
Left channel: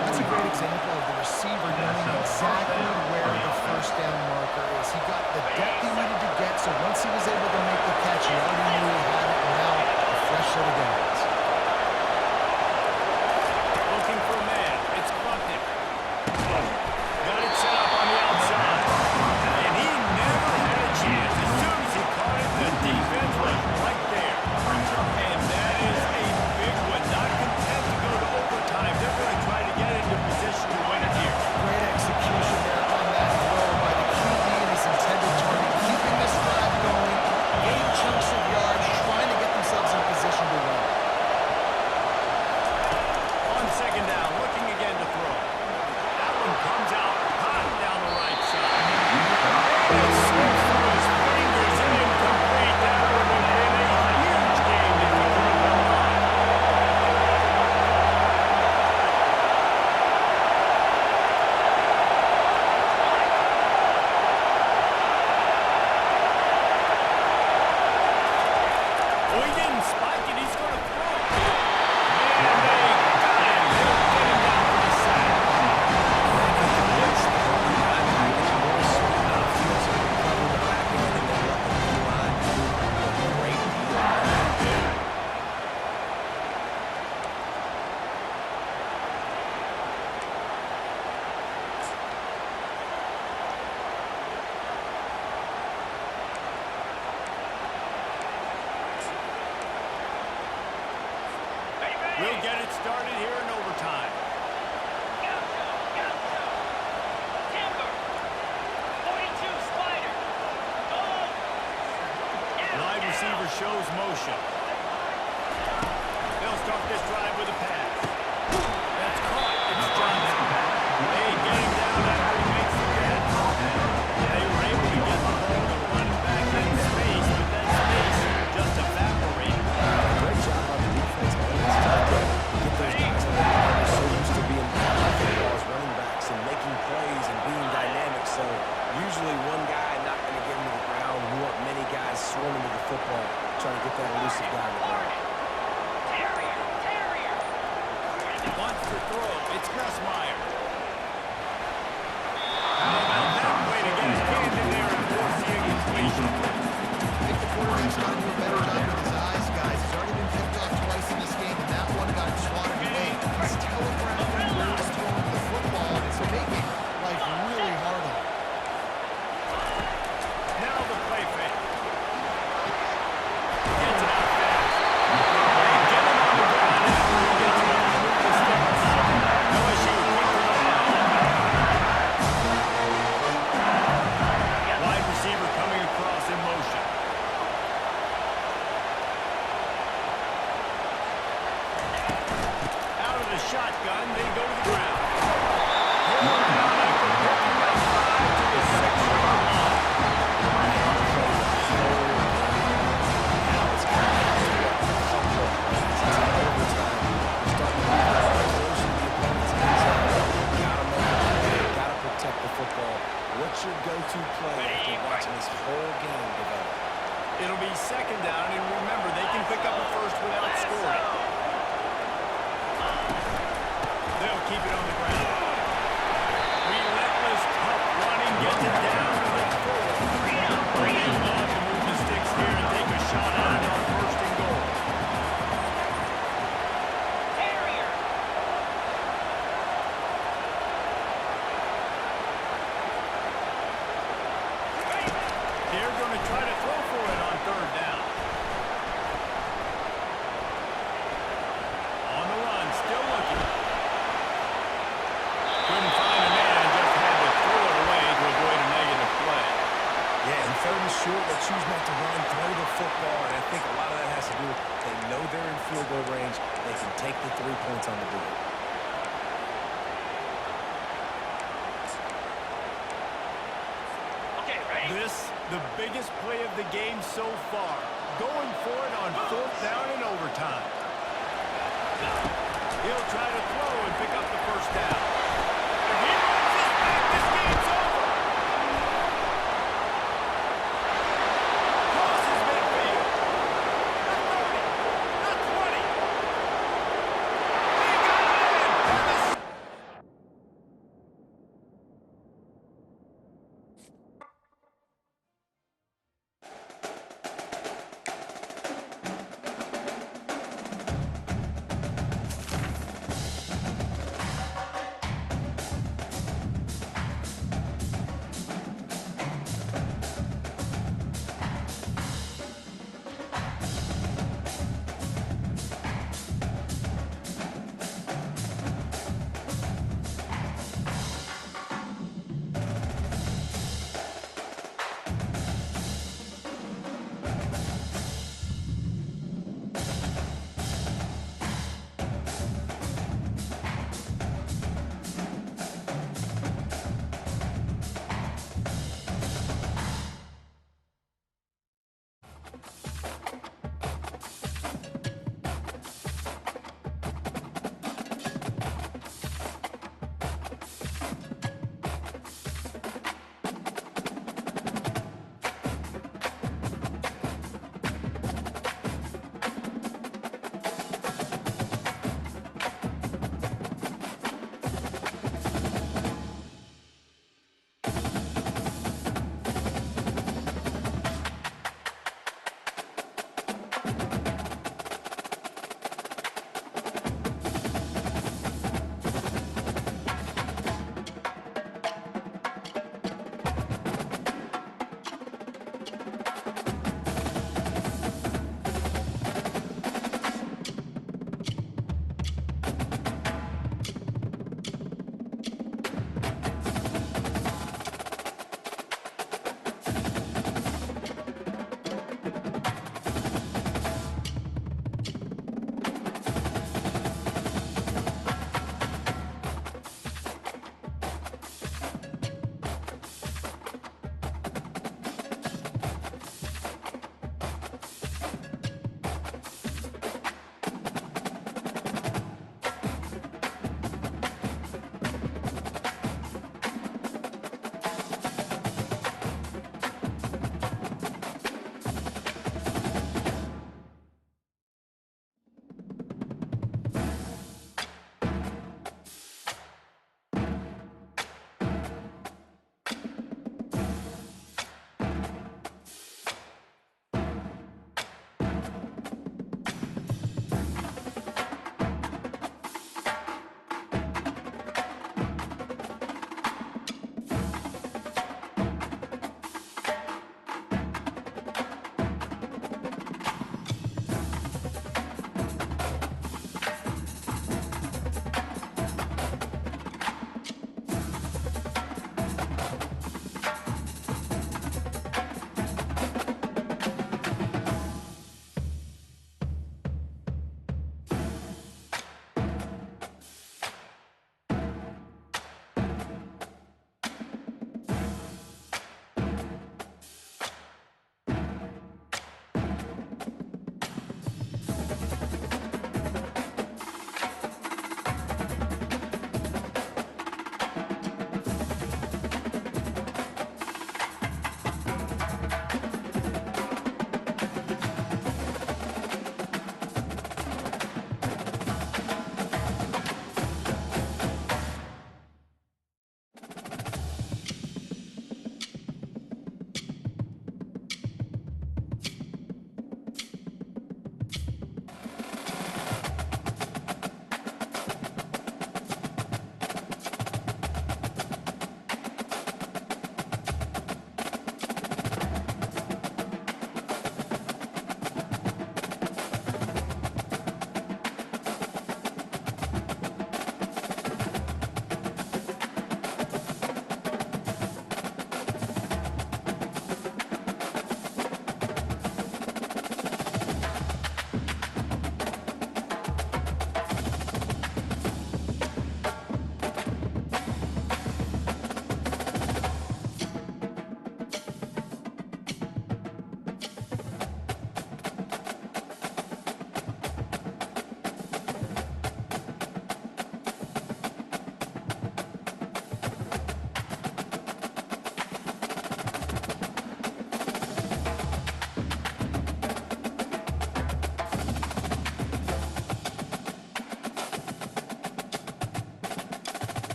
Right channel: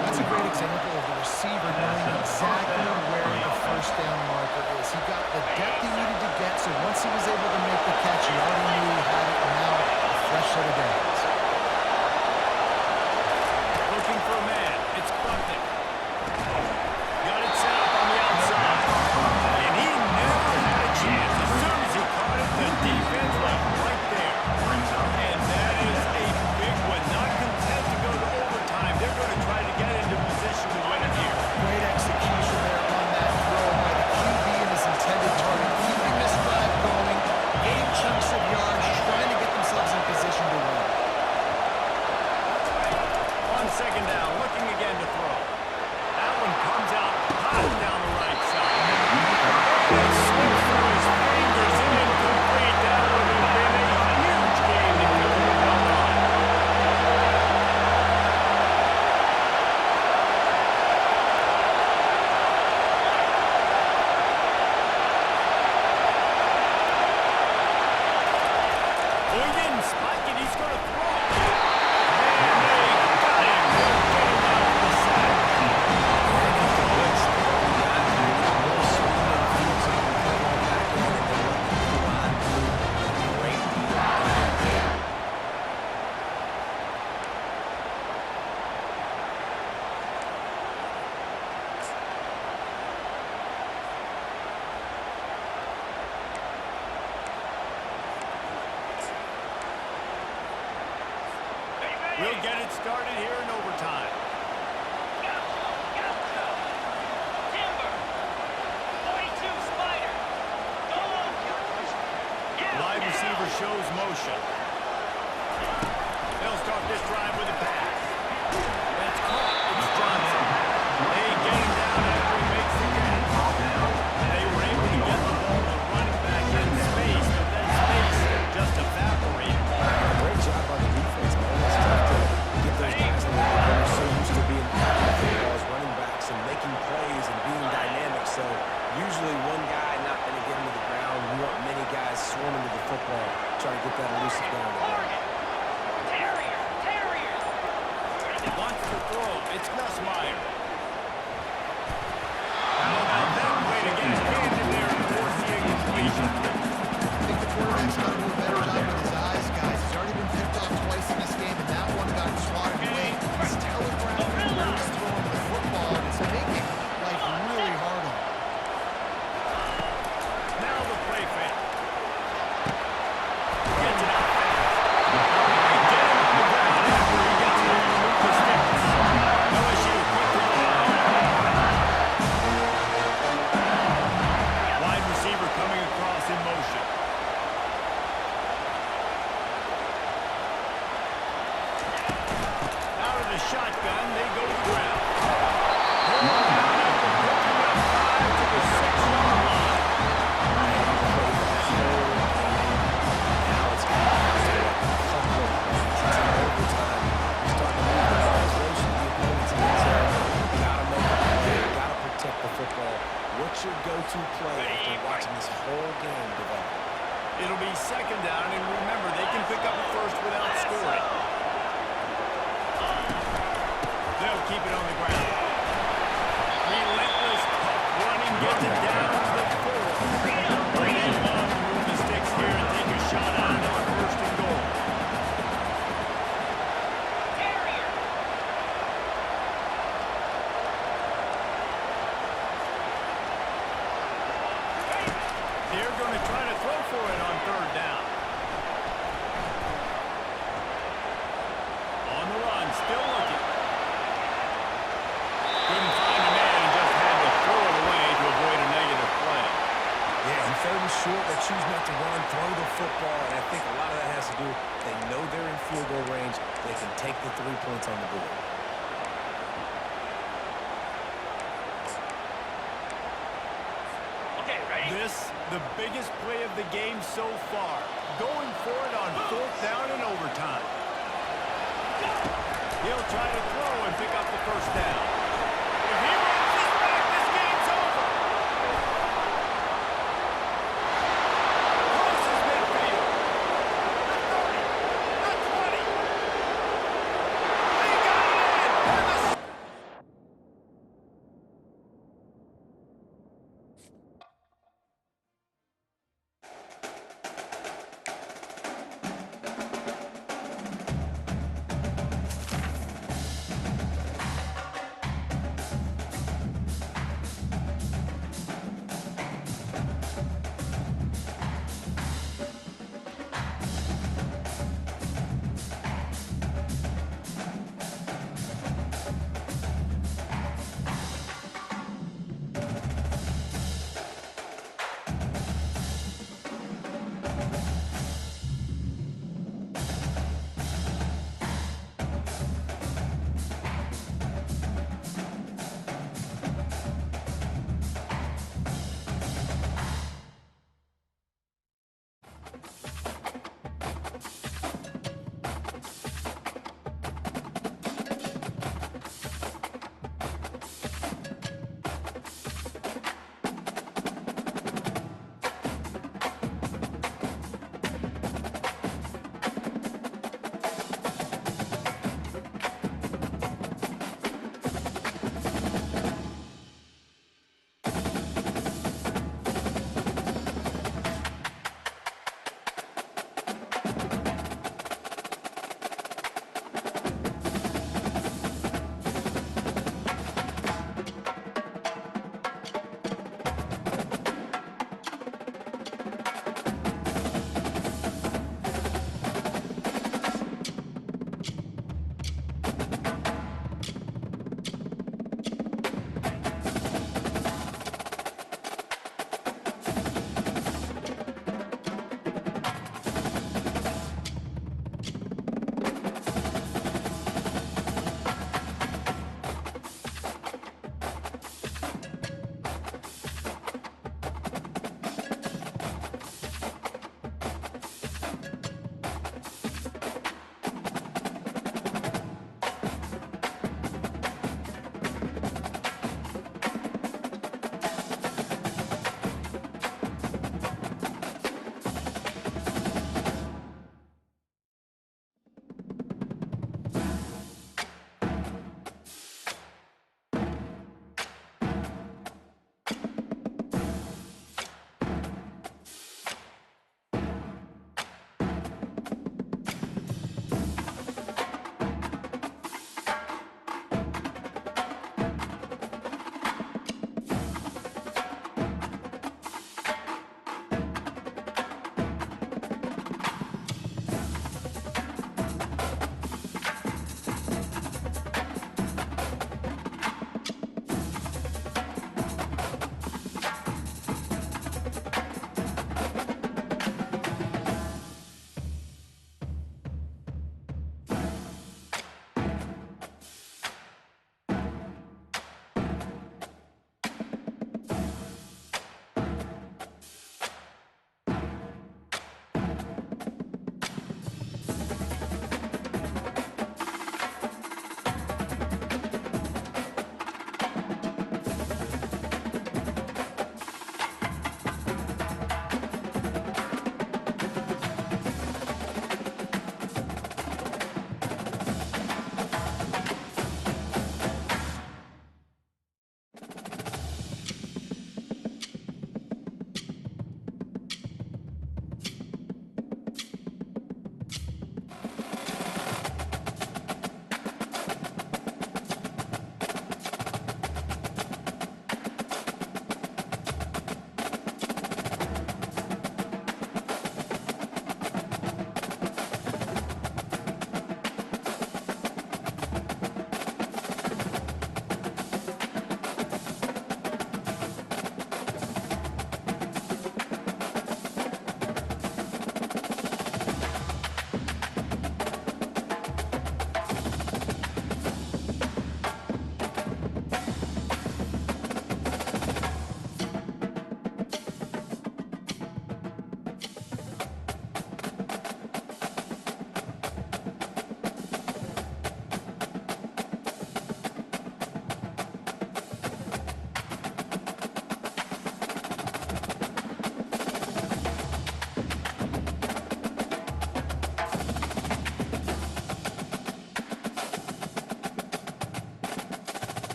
That's a great example of the receiver knowing exactly where the 1st down marker is. He got the depth he needed to get, so once he was able to make the catch, he already knew he had it, and now a fresh set of downs. Looking for a man. It's Klutnick. Got it set up on the outside. And he never had a chance. As soon as he caught it, the defense was right there. And that is a big one. Not content to go to overtime. They're going to try to get into position to win it here. Great execution there on that throw by the QB and his intended target, keeping this drive going, getting chunks of yards, trying to get themselves in position to win. On 2nd down, looking again to throw. That one comes out hot down the right side. And it slips through his fingers and incomplete. That would have been a huge game if he could have held on. Well, he didn't spike it. He's going to throw. And they got him. They'll get him down for the sack. Right up the blitz. The early contact is more speed on the field, so you can cover the back end and then let the D-line do the great D-line there. We'll get it started here in overtime. Gaucho, Gaucho. Timber. 42, Spider. Go over. Wide receiver shows motion. They'll start this drive with a pass. That's caught. It's Johnson. They get him down after he makes the catch. They were able to get the ball to the swarming to the football, trying to get that elusive guy on the ground. Terrier, Terrier. Wants to throw. It's Nussmeier. How about that way to get his hand in there and force the incompletion? I think the quarterback's got to do a better job with his eyes, guys. He's already been picked off twice in this game, and that one got swatted away. He's telegraphing where he's throwing the football, and it's making life really hard on him. Now the play fake. Gets it out fast. They get him on the ground after he gets it to move the sticks. LSU quick to the line. Wide receiver coming across in motion. Out of the shotgun, they go to the ground. Pulled down after picking up 5 to the 6-yard line. Now it's coming down to a couple of plays. It's in overtime. You're starting to move the ball closer to the opponent's end zone. Gotta make a play. Gotta protect the football. What's your go-to play after watching this whole game develop? It'll be second down, and remember, they can pick up a first without scoring. They'll keep it on the ground. Relentless, tough running, gets it down to the 4. They love to move the sticks here and take a shot at it on first and goal. Terrier. They're going to try to throw for it on third down. On the run, still looking. Couldn't find a man and just had to throw it away to avoid a negative play. Yeah, and third and short, they choose not to run, throw the football, and I think a lot of that has to do with they know they're in field goal range. They can take the 3 points on the board. Okay, ready? This, the biggest play of the game so far. Going for it on fourth down in overtime. He'll try to throw and pick up